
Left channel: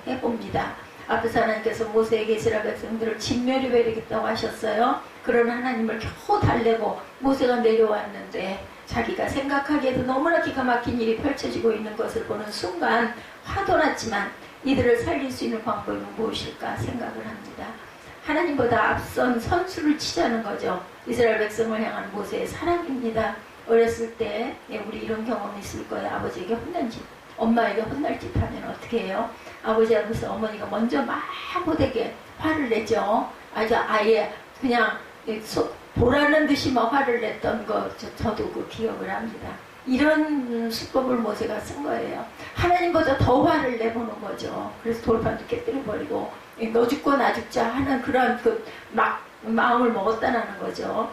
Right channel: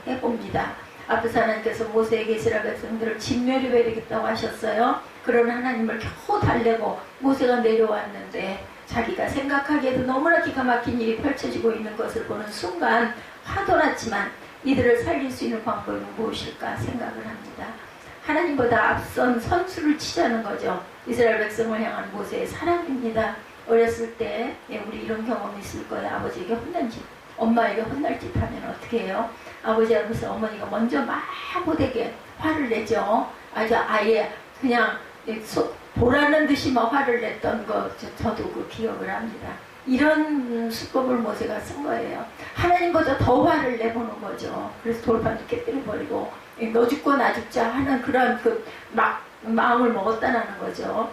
해봅니다. 앞에서 하나님께서 모세에게 이스라엘 백성들을 진멸해버리겠다고 하셨어요. 그런 하나님을 겨우 달래고 모세가 내려왔는데 자기가 생각하기에도 너무나 기가 막힌 일이 펼쳐지고 있는 것을 보는 순간 화도 났지만 이들을 살릴 수 있는 방법은 무엇일까 생각을 합니다. 하나님보다 앞선 선수를 치자는 거죠. 이스라엘 백성을 향한 모세의 사랑입니다. 어렸을 때 우리 이런 경험이 있을 거예요. 아버지에게 혼난 짓, 엄마에게 혼날 짓 하면 어떻게 해요? 아버지 앞에서 어머니가 먼저 막 못되게 화를 내죠. 아예 그냥 보라는 듯이 막 화를 냈던 거 저도 그 기억을 합니다. 이런 수법을 모세가 쓴 거예요. 하나님보다 더 화를 내보는 거죠. 그래서 돌판도 깨뜨려버리고 너 죽고 나 죽자 하는 그런 마음을 먹었다는 거죠.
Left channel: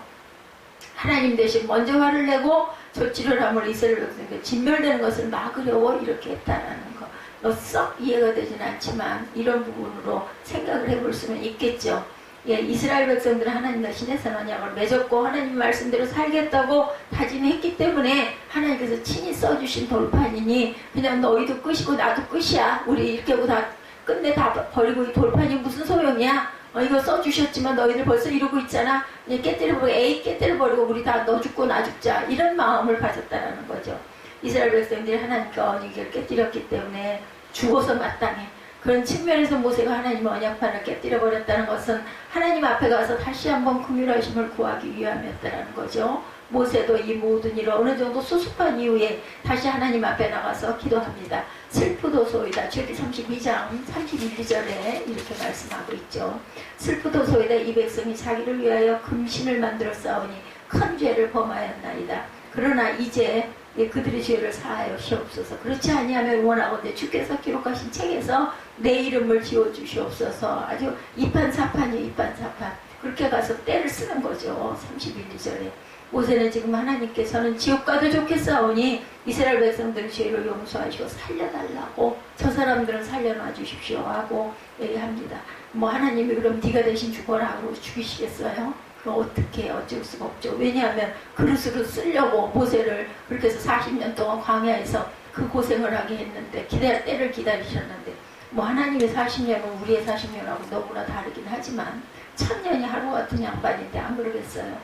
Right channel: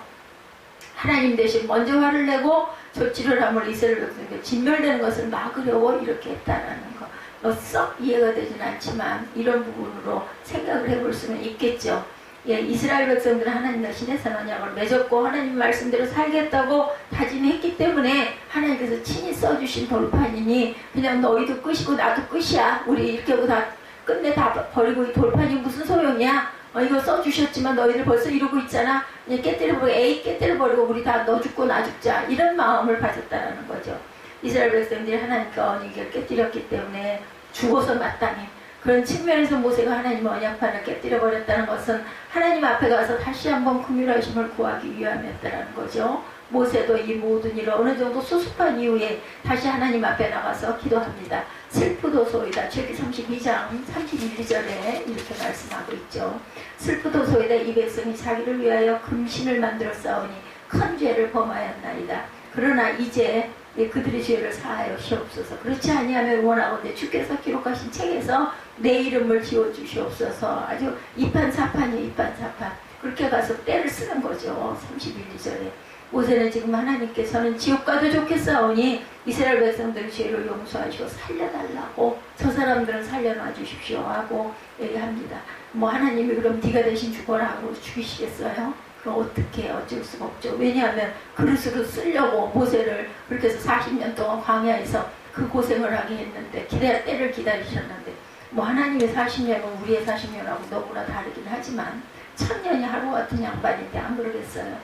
하나님 대신 먼저 화를 내고 조치를 함으로 이스라엘 백성에게 진멸되는 것을 막으려고 이렇게 했다라는 거. 썩 이해가 되진 않지만 이런 부분으로 생각을 해볼 수는 있겠죠. 예, 이스라엘 백성들은 하나님과 신의 언약을 맺었고 하나님 말씀대로 살겠다고 다짐했기 때문에 하나님께서 친히 써주신 돌판이니 그냥 너희도 끝이고 나도 끝이야. 우리 이렇게 하고 다 끝내 다 버리고 이 돌판이 무슨 소용이야? 이거 써주셨지만 너희들 벌써 이러고 있잖아. 깨뜨려버리고 우리 다 너 죽고 나 죽자. 이런 마음을 가졌다라는 거죠. 이스라엘 백성들이 하나님께 언약을 깨뜨렸기 때문에 죽어서 마땅해. 그런 측면에서 모세가 하나님의 언약판을 깨뜨려버렸다는 것은 하나님 앞에 가서 다시 한번 긍휼하심을 구하기 위함이었다는 거죠. 모세도 이 모든 일을 어느 정도 수습한 이후에 다시 하나님 앞에 나가서 기도합니다. 슬프도소이다. 출애굽기 32장 31절에 이렇게 말씀하고 있죠. 슬프도소이다. 이 백성이 자기를 위하여 금신을 만들어 싸우니 큰 죄를 범하였나이다. 그러나 이제 그들의 죄를 사하여시옵소서. 그렇지 아니하면 원하건대 주께서 기록하신 책에서 내 이름을 지워주시옵소서. 아주 이판사판이에요. 이판사판. 그렇게 가서 때를 쓰는 거죠. 31절에 모세는 지금 하나님께서는 지옥 가도 좋겠사오니 이스라엘 백성들의 죄를 용서하시고 살려달라고 저 사람들은 살려놔 주십시오 하고 얘기합니다. 하나님이 그럼 네가 대신 죽어라 하고 죽이시겠어요? 그럼 어떻게 어쩔 수가 없죠. 왜냐하면 그릇으로 쓰려고 모세를 그렇게 해서 40년 동안 광야에서 그 고생을 하게 했는데 때를 기다리셨는데 하나님의 40년은 우리의 40년하고 너무나 다르긴 하지만 1000년이 하루 같은 양반인데 안 그러겠어요.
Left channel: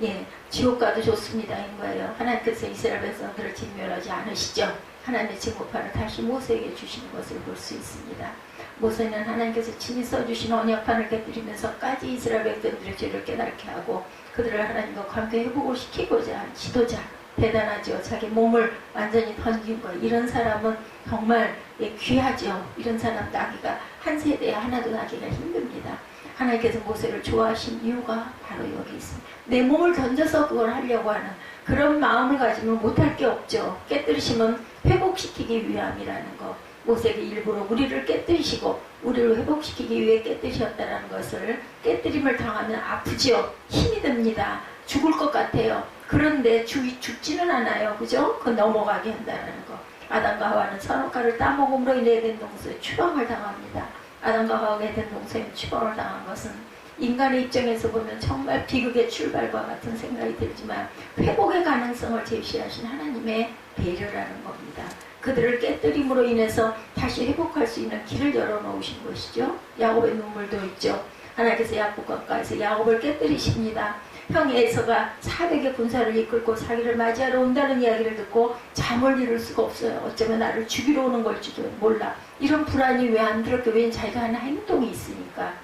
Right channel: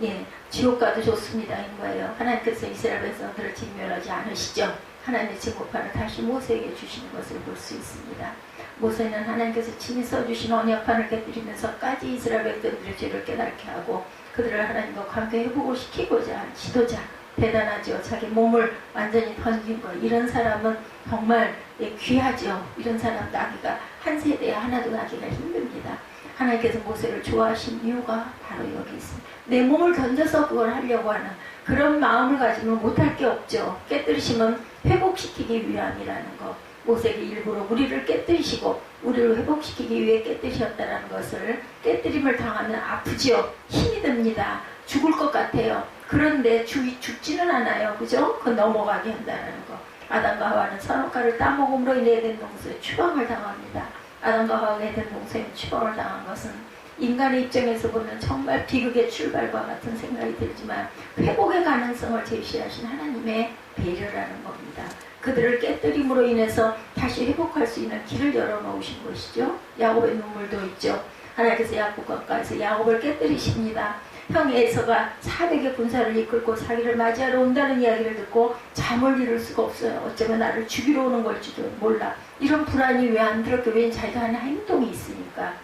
예, 지옥 가도 좋습니다 인 거예요. 하나님께서 이스라엘 백성들을 진멸하지 않으시죠. 하나님의 증거판을 다시 모세에게 주시는 것을 볼 수 있습니다. 모세는 하나님께서 친히 써주신 언약판을 깨뜨리면서까지 이스라엘 백성들의 죄를 깨닫게 하고 그들을 하나님과 관계 회복을 시키고자 한 지도자. 대단하죠. 자기 몸을 완전히 던진 거. 이런 사람은 정말 귀하죠. 이런 사람 나기가 한 세대에 하나도 나기가 힘듭니다. 하나님께서 모세를 좋아하신 이유가 바로 여기 있습니다. 내 몸을 던져서 그걸 하려고 하는 그런 마음을 가지면 못할 게 없죠. 깨뜨리시면 회복시키기 위함이라는 거. 모세가 일부러 우리를 깨뜨리시고 우리를 회복시키기 위해 깨뜨리셨다는 것을 깨뜨림을 당하면 아프지요. 힘이 듭니다. 죽을 것 같아요. 그런데 죽지는 않아요. 그죠? 그 넘어가게 한다는 거. 아담과 하와는 선악과를 따먹음으로 인해 에덴 동산에 추방을 당합니다. 아담과 하와가 에덴 동산에 추방을 당한 것은 인간의 입장에서 보면 정말 비극의 출발과 같은 생각이 들지만 회복의 가능성을 제시하신 하나님의 배려라는 겁니다. 그들을 깨뜨림으로 인해서 다시 회복할 수 있는 길을 열어놓으신 것이죠. 야곱의 눈물도 있죠. 하나님께서 야곱 가까이서 야곱을 깨뜨리십니다. 형 에서가 400의 군사를 이끌고 자기를 맞이하러 온다는 이야기를 듣고 잠을 이룰 수가 없어요. 어쩌면 나를 죽이러 오는 걸지도 몰라. 이런 불안이 왜 안 들었게? 왜냐면 자기가 하는 행동이 있으니까.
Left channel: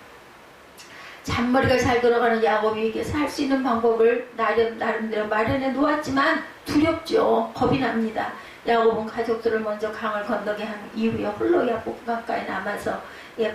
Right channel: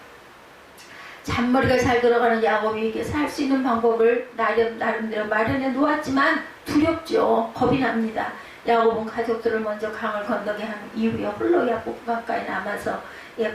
잔머리가 잘 돌아가는 야곱이 살 수 있는 방법을 나름대로 마련해 놓았지만 두렵죠. 겁이 납니다. 야곱은 가족들을 먼저 강을 건너게 한 이후에 홀로 야곱 가까이 남아서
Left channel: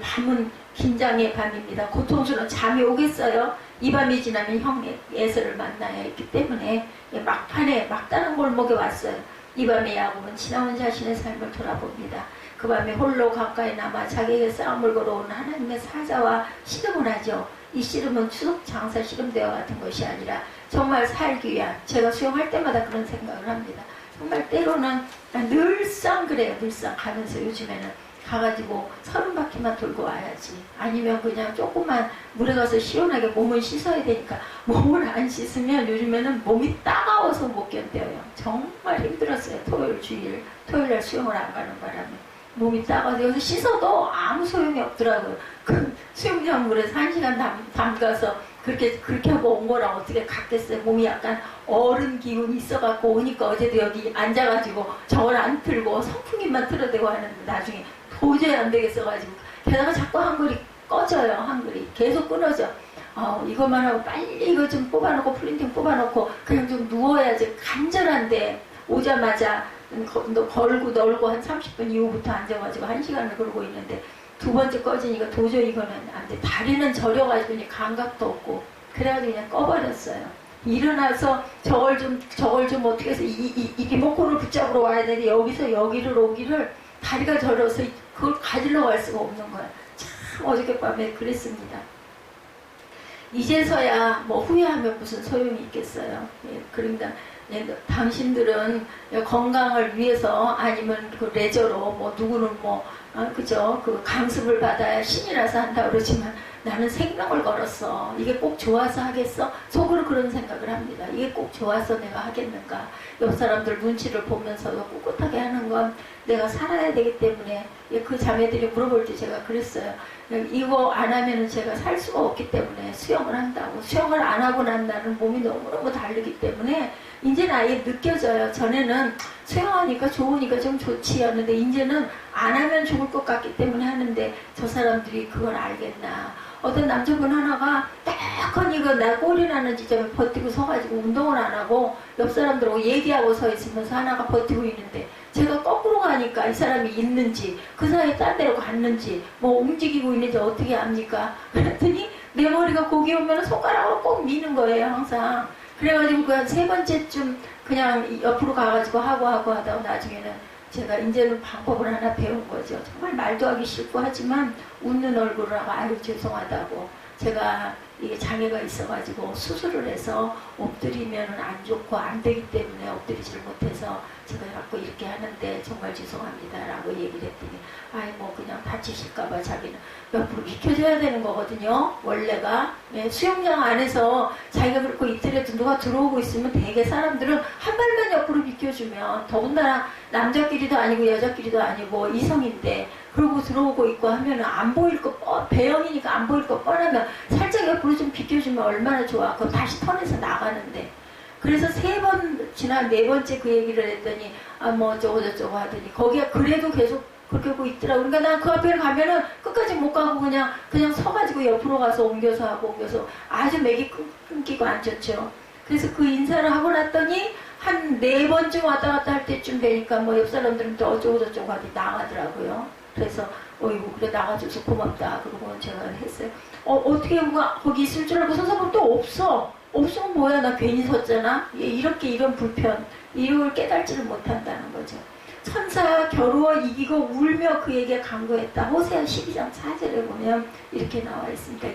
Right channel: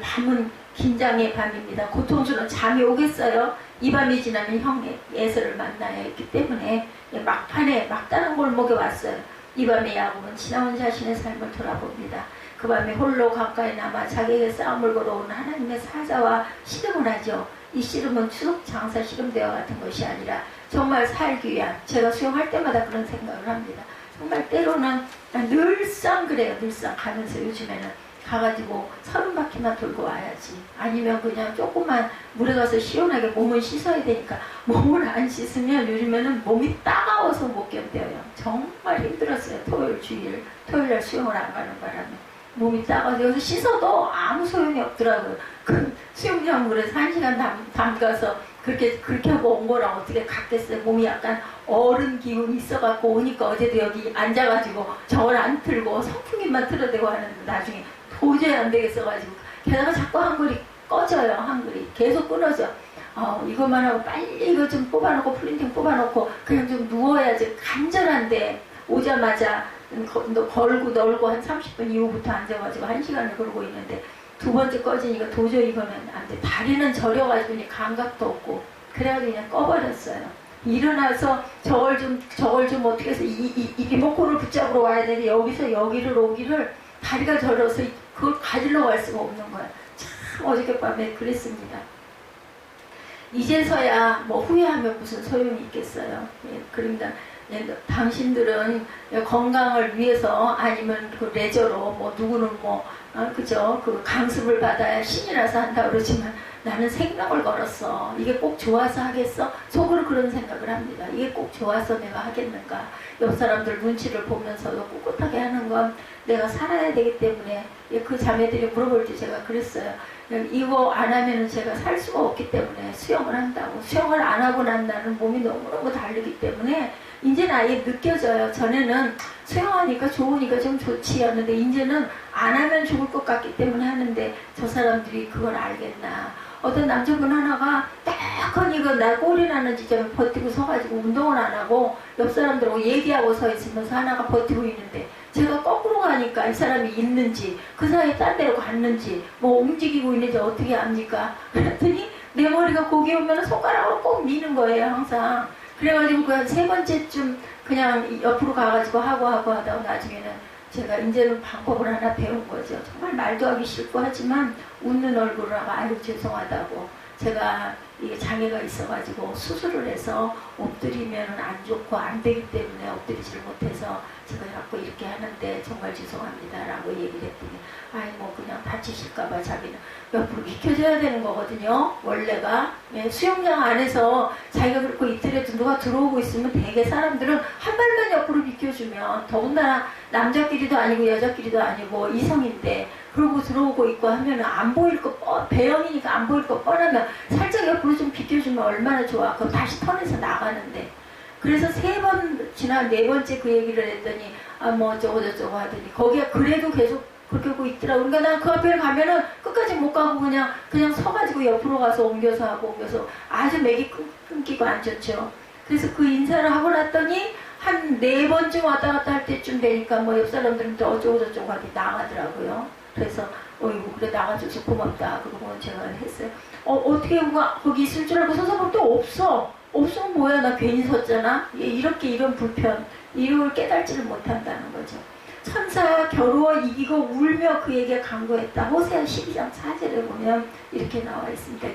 밤은 긴장의 밤입니다. 고통스러운 잠이 오겠어요. 이 밤이 지나면 형 에서를 만나야 했기 때문에 막판에 막다른 골목에 왔어요. 이 밤에 야곱은 지나온 자신의 삶을 돌아봅니다. 그 밤에 홀로 가까이 남아 자기에게 싸움을 걸어온 하나님의 사자와 씨름을 하죠. 이 씨름은 추석 장사 씨름대와 같은 것이 아니라 정말 살기 위한, 제가 수영할 때마다 그런 생각을 합니다. 정말 때로는 늘상 그래요. 늘상 가면서 요즘에는 가가지고 30바퀴만 돌고 와야지. 아니면 그냥 조금만 물에 가서 시원하게 몸을 씻어야 되니까 몸을 안 씻으면 요즘에는 몸이 따가워서 못 견뎌요. 정말 힘들었어요. 토요일날 수영을 안 가는 바람에. 몸이 따가워서 여기서 씻어도 아무 소용이 없더라고요. 그 수영장 물에서 1시간 담가서 그렇게 하고 온 거랑 어떻게 갔겠어요. 몸이 약간 어른 기운이 있어갖고 오니까 어제도 여기 앉아가지고 저걸 안 틀고 선풍기만 틀어대고 하는데 나중에 도저히 안 되겠어가지고 게다가 자꾸 한글이 꺼져요. 한글이 계속 끊어져. 이것만 하고 빨리 이거 좀 뽑아놓고 프린팅 뽑아놓고 그냥 좀 누워야지. 간절한데 오자마자 걸고 널고 한 30분 이후부터 앉아가지고 1시간을 걸고 있는데 두 번째 꺼지니까 도저히 이거는 안 돼. 다리는 저려가지고 그냥 감각도 없고 그래가지고 그냥 꺼버렸어요. 일어나서 저걸 좀 어떻게 해서 이 리모컨을 붙잡으러 와야 되는데 여기서 여기를 오기를 다리가 저려서 그걸 가지러 갈 수가 없는 거야. 참 어저께밤에 그랬습니다. 이제서야 뭐 후회하면 무슨 소용이 있겠어요. 그러니까 당신들은 건강을 위해서 아니면 그 레저로 뭐 누구는 그죠? 그 강습을 받아야 신이라서 한다 그러지만 나는 생명을 걸었어. 이게 꼭 좋아서 하겠어? 속으로 그런 생각을 합니다. 이게 꼭 좋아서 내가 하겠는가? 옆 사람들 눈치를 보면서도 꿋꿋하게 하는 건 내가 살아야 되기 때문에 그 자매들이 물어볼 때 제가 그랬어요. 이거 안 하면은 제가 살 수가 없기 때문에 수영을 한다고. 수영을 안 하고 난 나는 몸이 너무너무 다르기 때문에 이제는 아예 느껴져요. 전에는 수영하니까 좋으니까 좀 좋지였는데 이제는 안 하면 죽을 것 같기 때문에 하는데 저 사람들이 그걸 알겠나. 어떤 남자분 하나가 딱한 이거 나 꼴이 나는 지점에 버티고 서가지고 운동을 안 하고 옆 사람들하고 얘기하고 서 있으면서 하나가 버티고 있는데 제가 거꾸로 가니까 이 사람이 있는지 그 사이에 딴 데로 갔는지 뭐 움직이고 있는지 어떻게 압니까? 그랬더니 내 머리가 거기 오면 손가락으로 꼭 미는 거예요. 항상. 그래가지고 그 한 3번째쯤 그냥 옆으로 가가지고 하고 하다가 나중에는 제가 이제는 방법을 하나 배운 거죠. 정말 말도 하기 싫고 하지만 웃는 얼굴을 하고 아유 죄송하다고. 제가 이게 장애가 있어가지고 수술을 해서 엎드리면 안 좋고 안 되기 때문에 엎드리지를 못해서 제가 자꾸 이렇게 하는데 정말 죄송합니다 라고 얘기를 했더니 아이 뭐 그냥 다치실까봐 자기는 옆으로 비켜줘야 되는 거거든요. 원래가 수영장 안에서 자기가 그렇고 이틀에도 누가 들어오고 있으면 대개 사람들은 한 발만 옆으로 비켜주면 더군다나 남자끼리도 아니고 여자끼리도 아니고 이성인데 그러고 들어오고 있고 하면 안 보일 거 배영이니까 안 보일 거 뻔하면 살짝 옆으로 좀 비켜주면 얼마나 좋아. 그럼 다시 턴에서 나가는데 그래서 3번 지난 4번째 그 얘기를 했더니 뭐 저쩌고 하더니 거기가 그래도 계속 그렇게 하고 있더라고. 그러니까 난 그 앞에 가면은 끝까지 못 가고 그냥 서가지고 옆으로 가서 옮겨서 하고 옮겨서 아주 맥이 끊기고 안 좋죠. 그래서 그 인사를 하고 났더니 한 4번쯤 왔다 갔다 할 때쯤 되니까 뭐 옆 사람들은 또 어쩌고 하더니 나가더라고요. 그래서 어이구 그래 나가줘서 고맙다. 그러고 제가 했어요. 어떻게 거기 있을 줄 알고 서서 보면 또 없어. 없으면 뭐야 나 괜히 섰잖아. 이런 불편 이걸 깨달지를 못한다는 거죠. 천사가 겨루어 이기고 울며 그에게 간구했다. 호세아 12장 4절에 보면 이렇게 나와 있습니다.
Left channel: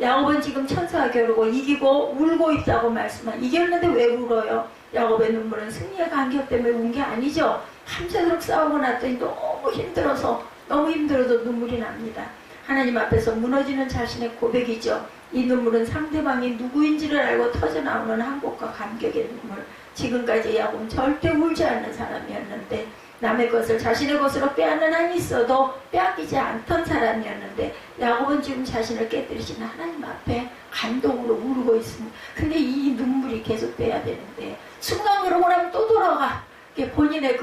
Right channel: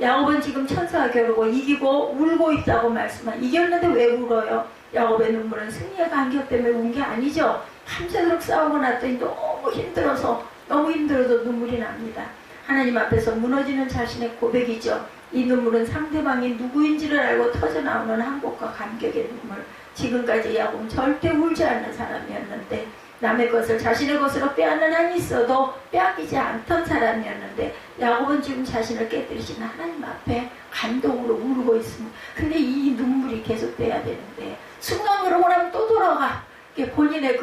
야곱은 지금 천사가 겨루고 이기고 울고 있다고 이겼는데 왜 울어요? 야곱의 눈물은 승리의 간격 때문에 운 게 아니죠. 밤새도록 싸우고 났더니 너무 힘들어서 눈물이 납니다. 하나님 앞에서 무너지는 자신의 고백이죠. 이 눈물은 상대방이 누구인지를 알고 터져나오는 한국과 감격의 눈물. 지금까지 야곱은 절대 울지 않는 사람이었는데 남의 것을 자신의 것으로 빼앗는 한이 있어도 빼앗기지 않던 사람이었는데 야곱은 지금 자신을 깨뜨리시는 하나님 앞에 감동으로 울고 있습니다. 근데 이 눈물이 계속돼야 되는데 순간 그러고 나면 또 돌아가. 본인의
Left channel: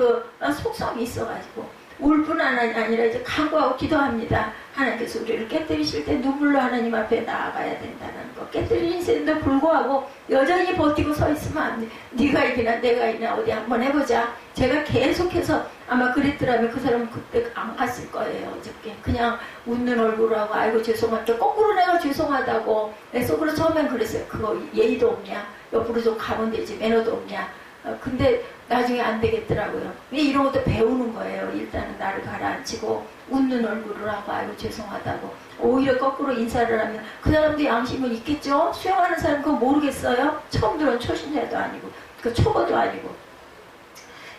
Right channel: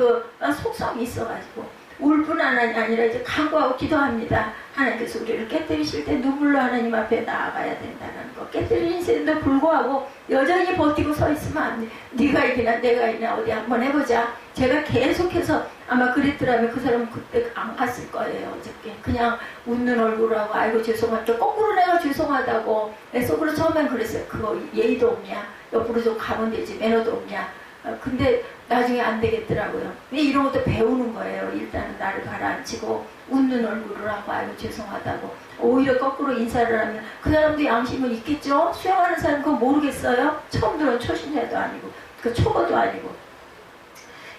속성이 있어가지고 울 뿐 아니라 이제 간구하고 기도합니다. 하나님께서 우리를 깨뜨리실 때 눈물로 하나님 앞에 나아가야 된다는 거. 깨뜨리는데도 불구하고 여전히 버티고 서 있으면 안 돼. 네가 이기나 내가 이기나 어디 한번 해보자. 제가 계속해서 아마 그랬더라면 그 사람은 그때 안 갔을 거예요. 어저께 그냥 웃는 얼굴로 하고 아이고 죄송하다. 거꾸로 내가 죄송하다고 내 속으로 처음엔 그랬어요. 그거 예의도 없냐. 옆으로 좀 가면 되지. 매너도 없냐. 근데 나중에 안 되겠더라고요. 이런 것도 배우는 거예요. 일단은 나를 가라앉히고 웃는 얼굴을 하고 아이고 죄송하다고. 오히려 거꾸로 인사를 하면 그 사람도 양심은 있겠죠. 수영하는 사람 그거 모르겠어요. 처음 들어온 초신자도 아니고 그 초보도 아니고.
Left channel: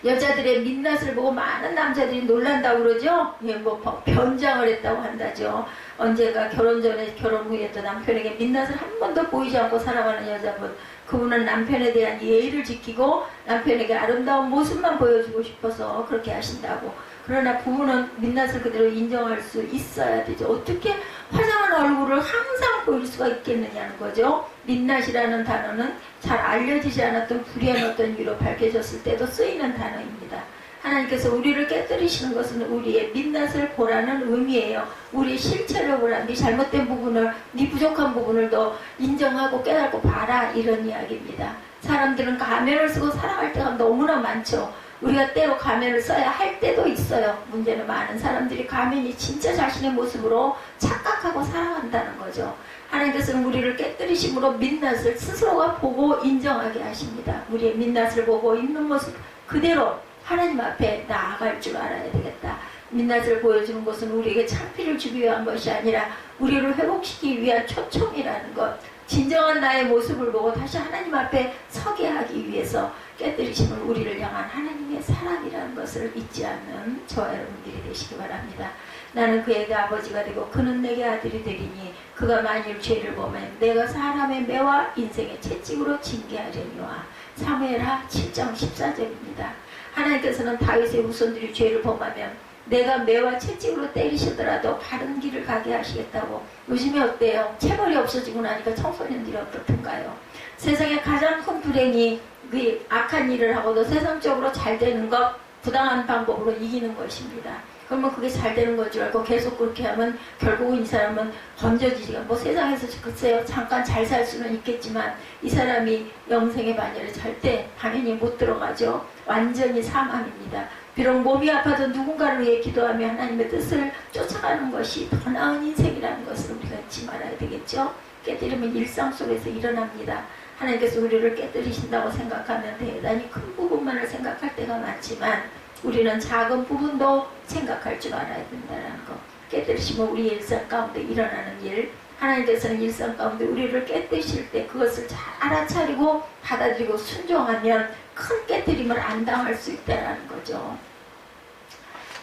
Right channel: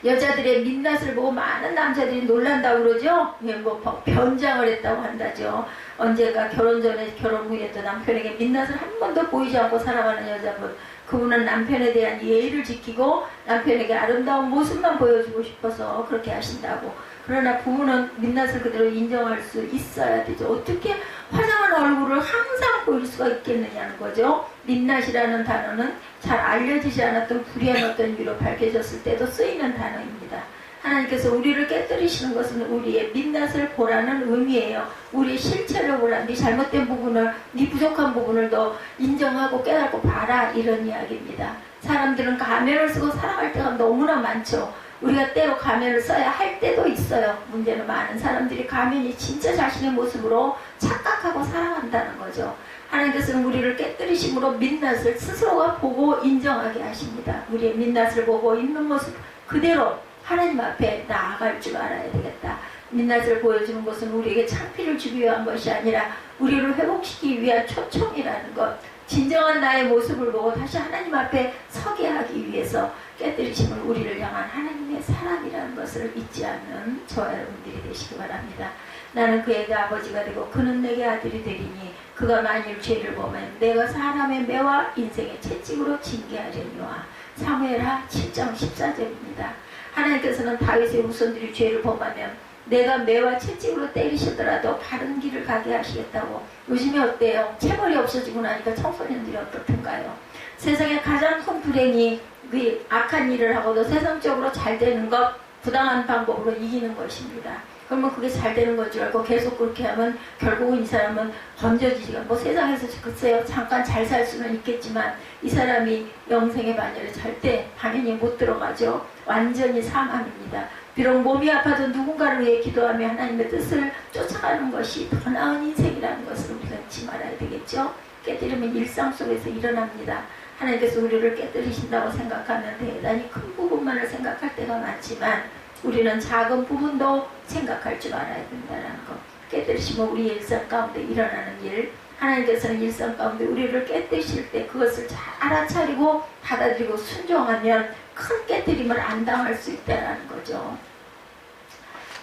여자들의 민낯을 보고 많은 남자들이 놀란다고 그러죠. 예, 뭐 변장을 했다고 한다죠. 언제가 결혼 전에 결혼 후에도 남편에게 민낯을 한 번도 보이지 않고 살아가는 여자분, 그분은 남편에 대한 예의를 지키고 남편에게 아름다운 모습만 보여주고 싶어서 그렇게 하신다고. 그러나 부부는 민낯을 그대로 인정할 수 있어야 되죠. 어떻게 화장한 얼굴을 항상 보일 수가 있겠느냐는 거죠. 민낯이라는 단어는 잘 알려지지 않았던 불의한 어떤 위로 밝혀졌을 때도 쓰이는 단어입니다. 하나님께서 우리를 깨뜨리시는 것은 우리의 민낯을 보라는 의미예요. 우리의 실체를 보라. 네 잘못된 부분을, 네 부족한 부분을 더 인정하고 깨닫고 봐라. 이런 이야기입니다. 사람들은 가면을 쓰고 살아갈 때가 너무나 많죠. 우리가 때로 가면을 써야 할 때도 있어요. 문제는 많은 사람들이 가면이 진짜 자신의 모습으로 착각하고 살아간다는 거죠. 하나님께서는 우리를 깨뜨리심으로 민낯을 스스로가 보고 인정하게 하십니다. 우리의 민낯을 보고 있는 모습 그대로 하나님 앞에 나아갈 줄 알아야 되겠다. 민낯을 보여주는 것은 우리에게 창피를 주기 위한 것이 아니라 우리를 회복시키기 위한 초청이라는 것. 진정한 나의 모습을 보고 다시 하나님 앞에 서게 하기 위해서 깨뜨리심은 우리를 향한 하나님의 사랑이라는 것을 잊지 않는 저와 여러분들이 되시기 바랍니다. 나는 그에게 아버지가 되고 그는 내게 아들이 되리니 그가 만일 죄를 보면 내가 사람의 매와 인생의 채찍으로 징계하려니와. 사무엘하 7장 14절입니다. 하나님께서는 다윗의 후손들이 죄를 범하면 내가 매와 채찍으로 때리시더라도 바른 길을 가게 하시겠다고. 요즘에 어때요? 체벌이 없어지고 나니까 청소년들이 어떻든가요? 세상에 가장 큰 불행이 그 악한 일을 하고도 세상적으로 잘 되는 것, 부당한 방법으로 이기는 것입니다. 그러면 그게 잘 되는 건 줄 알고 계속 그렇게 하면 결국은 이 사람은 번져지지가, 뭐 세상에서 글쎄요 잠깐 잘 살 수는 있겠지만 이 사람이 영생의 반열에 절대 당연히 못 들어가죠. 완전히 사망입니다. 비록 몸이 아파도 누군가를 위해 기도하며 하나님의 뜻을 쫓아가는 것이 더 나은 인생이라는 것을 우리가 잊지 말아야 되겠죠. 깨뜨리면 일상 속에서 일어납니다. 하나님께서 우리를 깨뜨리신다고 생각하면 대단히 큰 부분만을 생각할 때가 많지만 우리는 작은 부분도 생각할 줄 알아야 된다는 것. 깨뜨리시면 우리의 일상 가운데 일어나는 일, 하나님께서는 일상 가운데 우리를 깨뜨리실 때 그것을 잘 알아차리고 받아들이고 순종하면 큰 깨뜨림을 안 당할 수 있다는 거죠.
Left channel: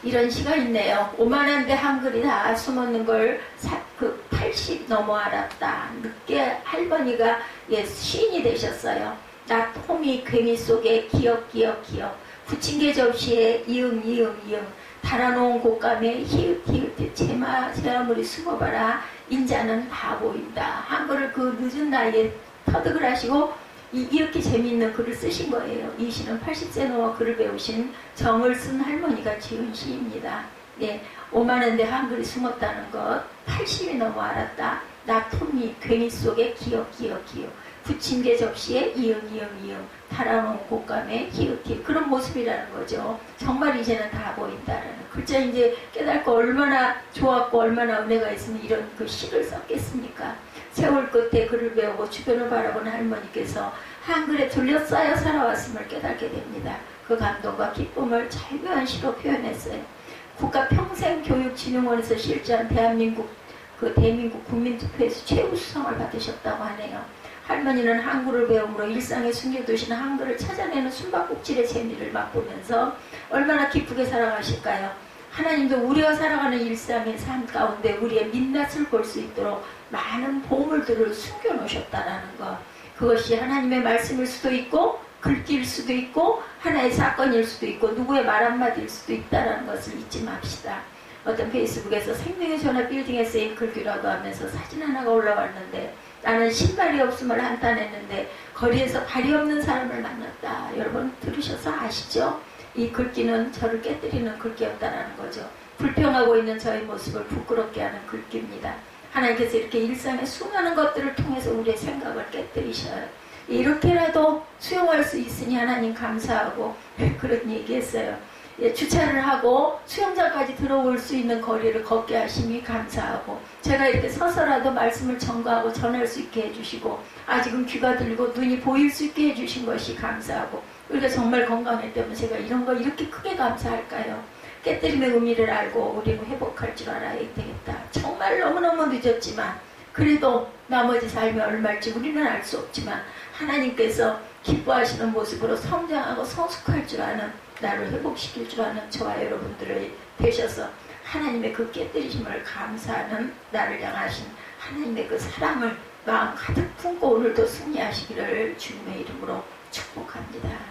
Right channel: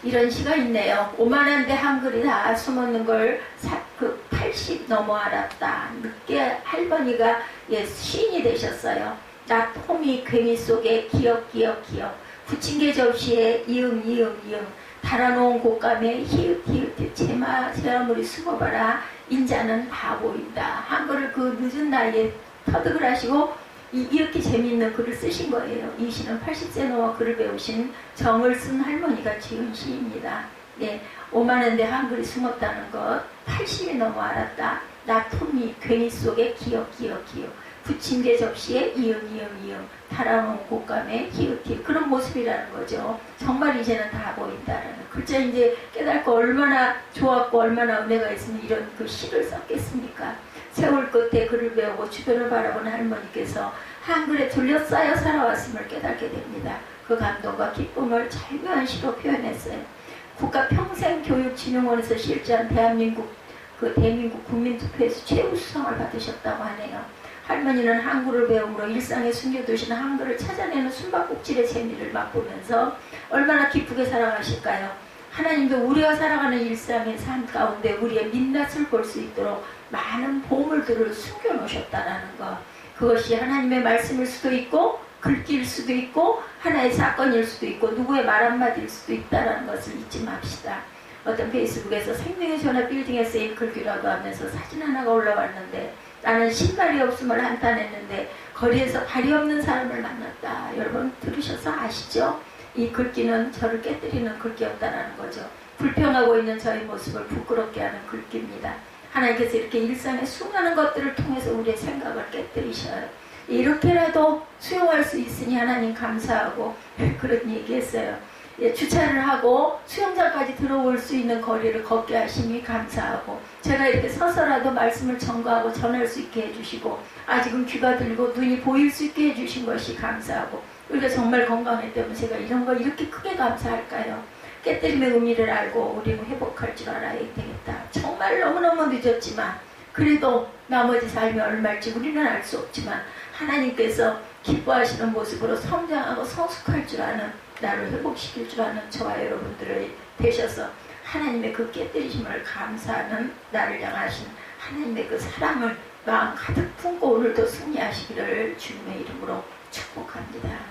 이런 시가 있네요. 오만한데 한글이 다 숨었는 걸 80 넘어 알았다. 늦게 할머니가 시인이 되셨어요. 나 톰이 괴미 속에 기억 부침개 접시에 이응 달아놓은 곶감에 히읗 제마물이 숨어봐라. 인자는 다 보인다. 한글을 그 늦은 나이에 터득을 하시고 이렇게 재미있는 글을 쓰신 거예요. 이 시는 80세 넘어 글을 배우신 정을 쓴 할머니가 지은 시입니다. 네, 오만한데 한글이 숨었다는 것 80이 넘어 알았다. 나 톰이 괴미 속에 기억 부침개 접시에 이응 달아놓은 곶감에 히읗 그런 모습이라는 거죠. 정말 이제는 다 보인다라는 글자. 이제 깨닫고 얼마나 좋았고 얼마나 은혜가 있으면 이런 그 시를 썼겠습니까? 세월 끝에 글을 배우고 주변을 바라보는 할머니께서 한글에 둘러싸여 살아왔음을 깨닫게 됩니다. 그 감동과 기쁨을 절묘한 시로 표현했어요. 국가평생교육진흥원에서 실시한 대한민국 국민투표에서 최우수상을 받으셨다고 하네요. 할머니는 한글을 배움으로 일상에 숨겨두신 한글을 찾아내는 숨바꼭질의 재미를 맛보면서 얼마나 기쁘게 살아가실까요? 하나님도 우리가 살아가는 일상의 삶 가운데 우리의 민낯을 볼 수 있도록 많은 보물들을 숨겨놓으셨다라는 것. 그것이 하나님의 말씀일 수도 있고 글귀일 수도 있고 하나의 사건일 수도 있고 누구의 말 한마디일 수도 있다라는 것을 잊지 맙시다. 어떤 페이스북에서 생명의 전화 빌딩에 쓰인 글귀라고 하면서 사진 하나가 올라왔는데 나는 신발이 없음을 한탄했는데 거리에서 발이 없는 사람을 만났다. 여러분 들으셔서 아시죠? 이 글귀는 저를 깨뜨리는 글귀였다라는 거죠. 불평하고 있는 저의 모습을 부끄럽게 하는 글귀입니다. 하나님께서 이렇게 일상의 수많은 것들을 통해서 우리의 생각을 깨뜨리셔요. 이렇게라도 수용할 수 있으니 하나님 감사하고 그런 얘기했어요. 예, 주차를 하고 수영장까지 들어올 수 있는 거리를 걷게 하심이 감사하고, 제가 이렇게 서서라도 말씀을 전가하고 전할 수 있게 해주시고, 아직은 귀가 들리고 눈이 보일 수 있게 해주신 것이 감사하고, 우리가 정말 건강했다면 제가 이런 거 이렇게 크게 감사할까요? 깨뜨림의 의미를 알고 우리는 회복할 줄 알아야 되겠다. 정말 너무너무 늦었지만 그래도 나머지 삶이 얼마일지 우리는 알 수 없지만 하나님께서 기뻐하시는 모습으로 성장하고 성숙할 줄 아는, 나를 회복시킬 줄 아는 저와 여러분들이 되셔서 하나님의 그 깨뜨리심을 감사하는, 나를 향하신 하나님의 그 사랑을 마음 가득 품고 오늘도 승리하시기를 주님의 이름으로 축복합니다.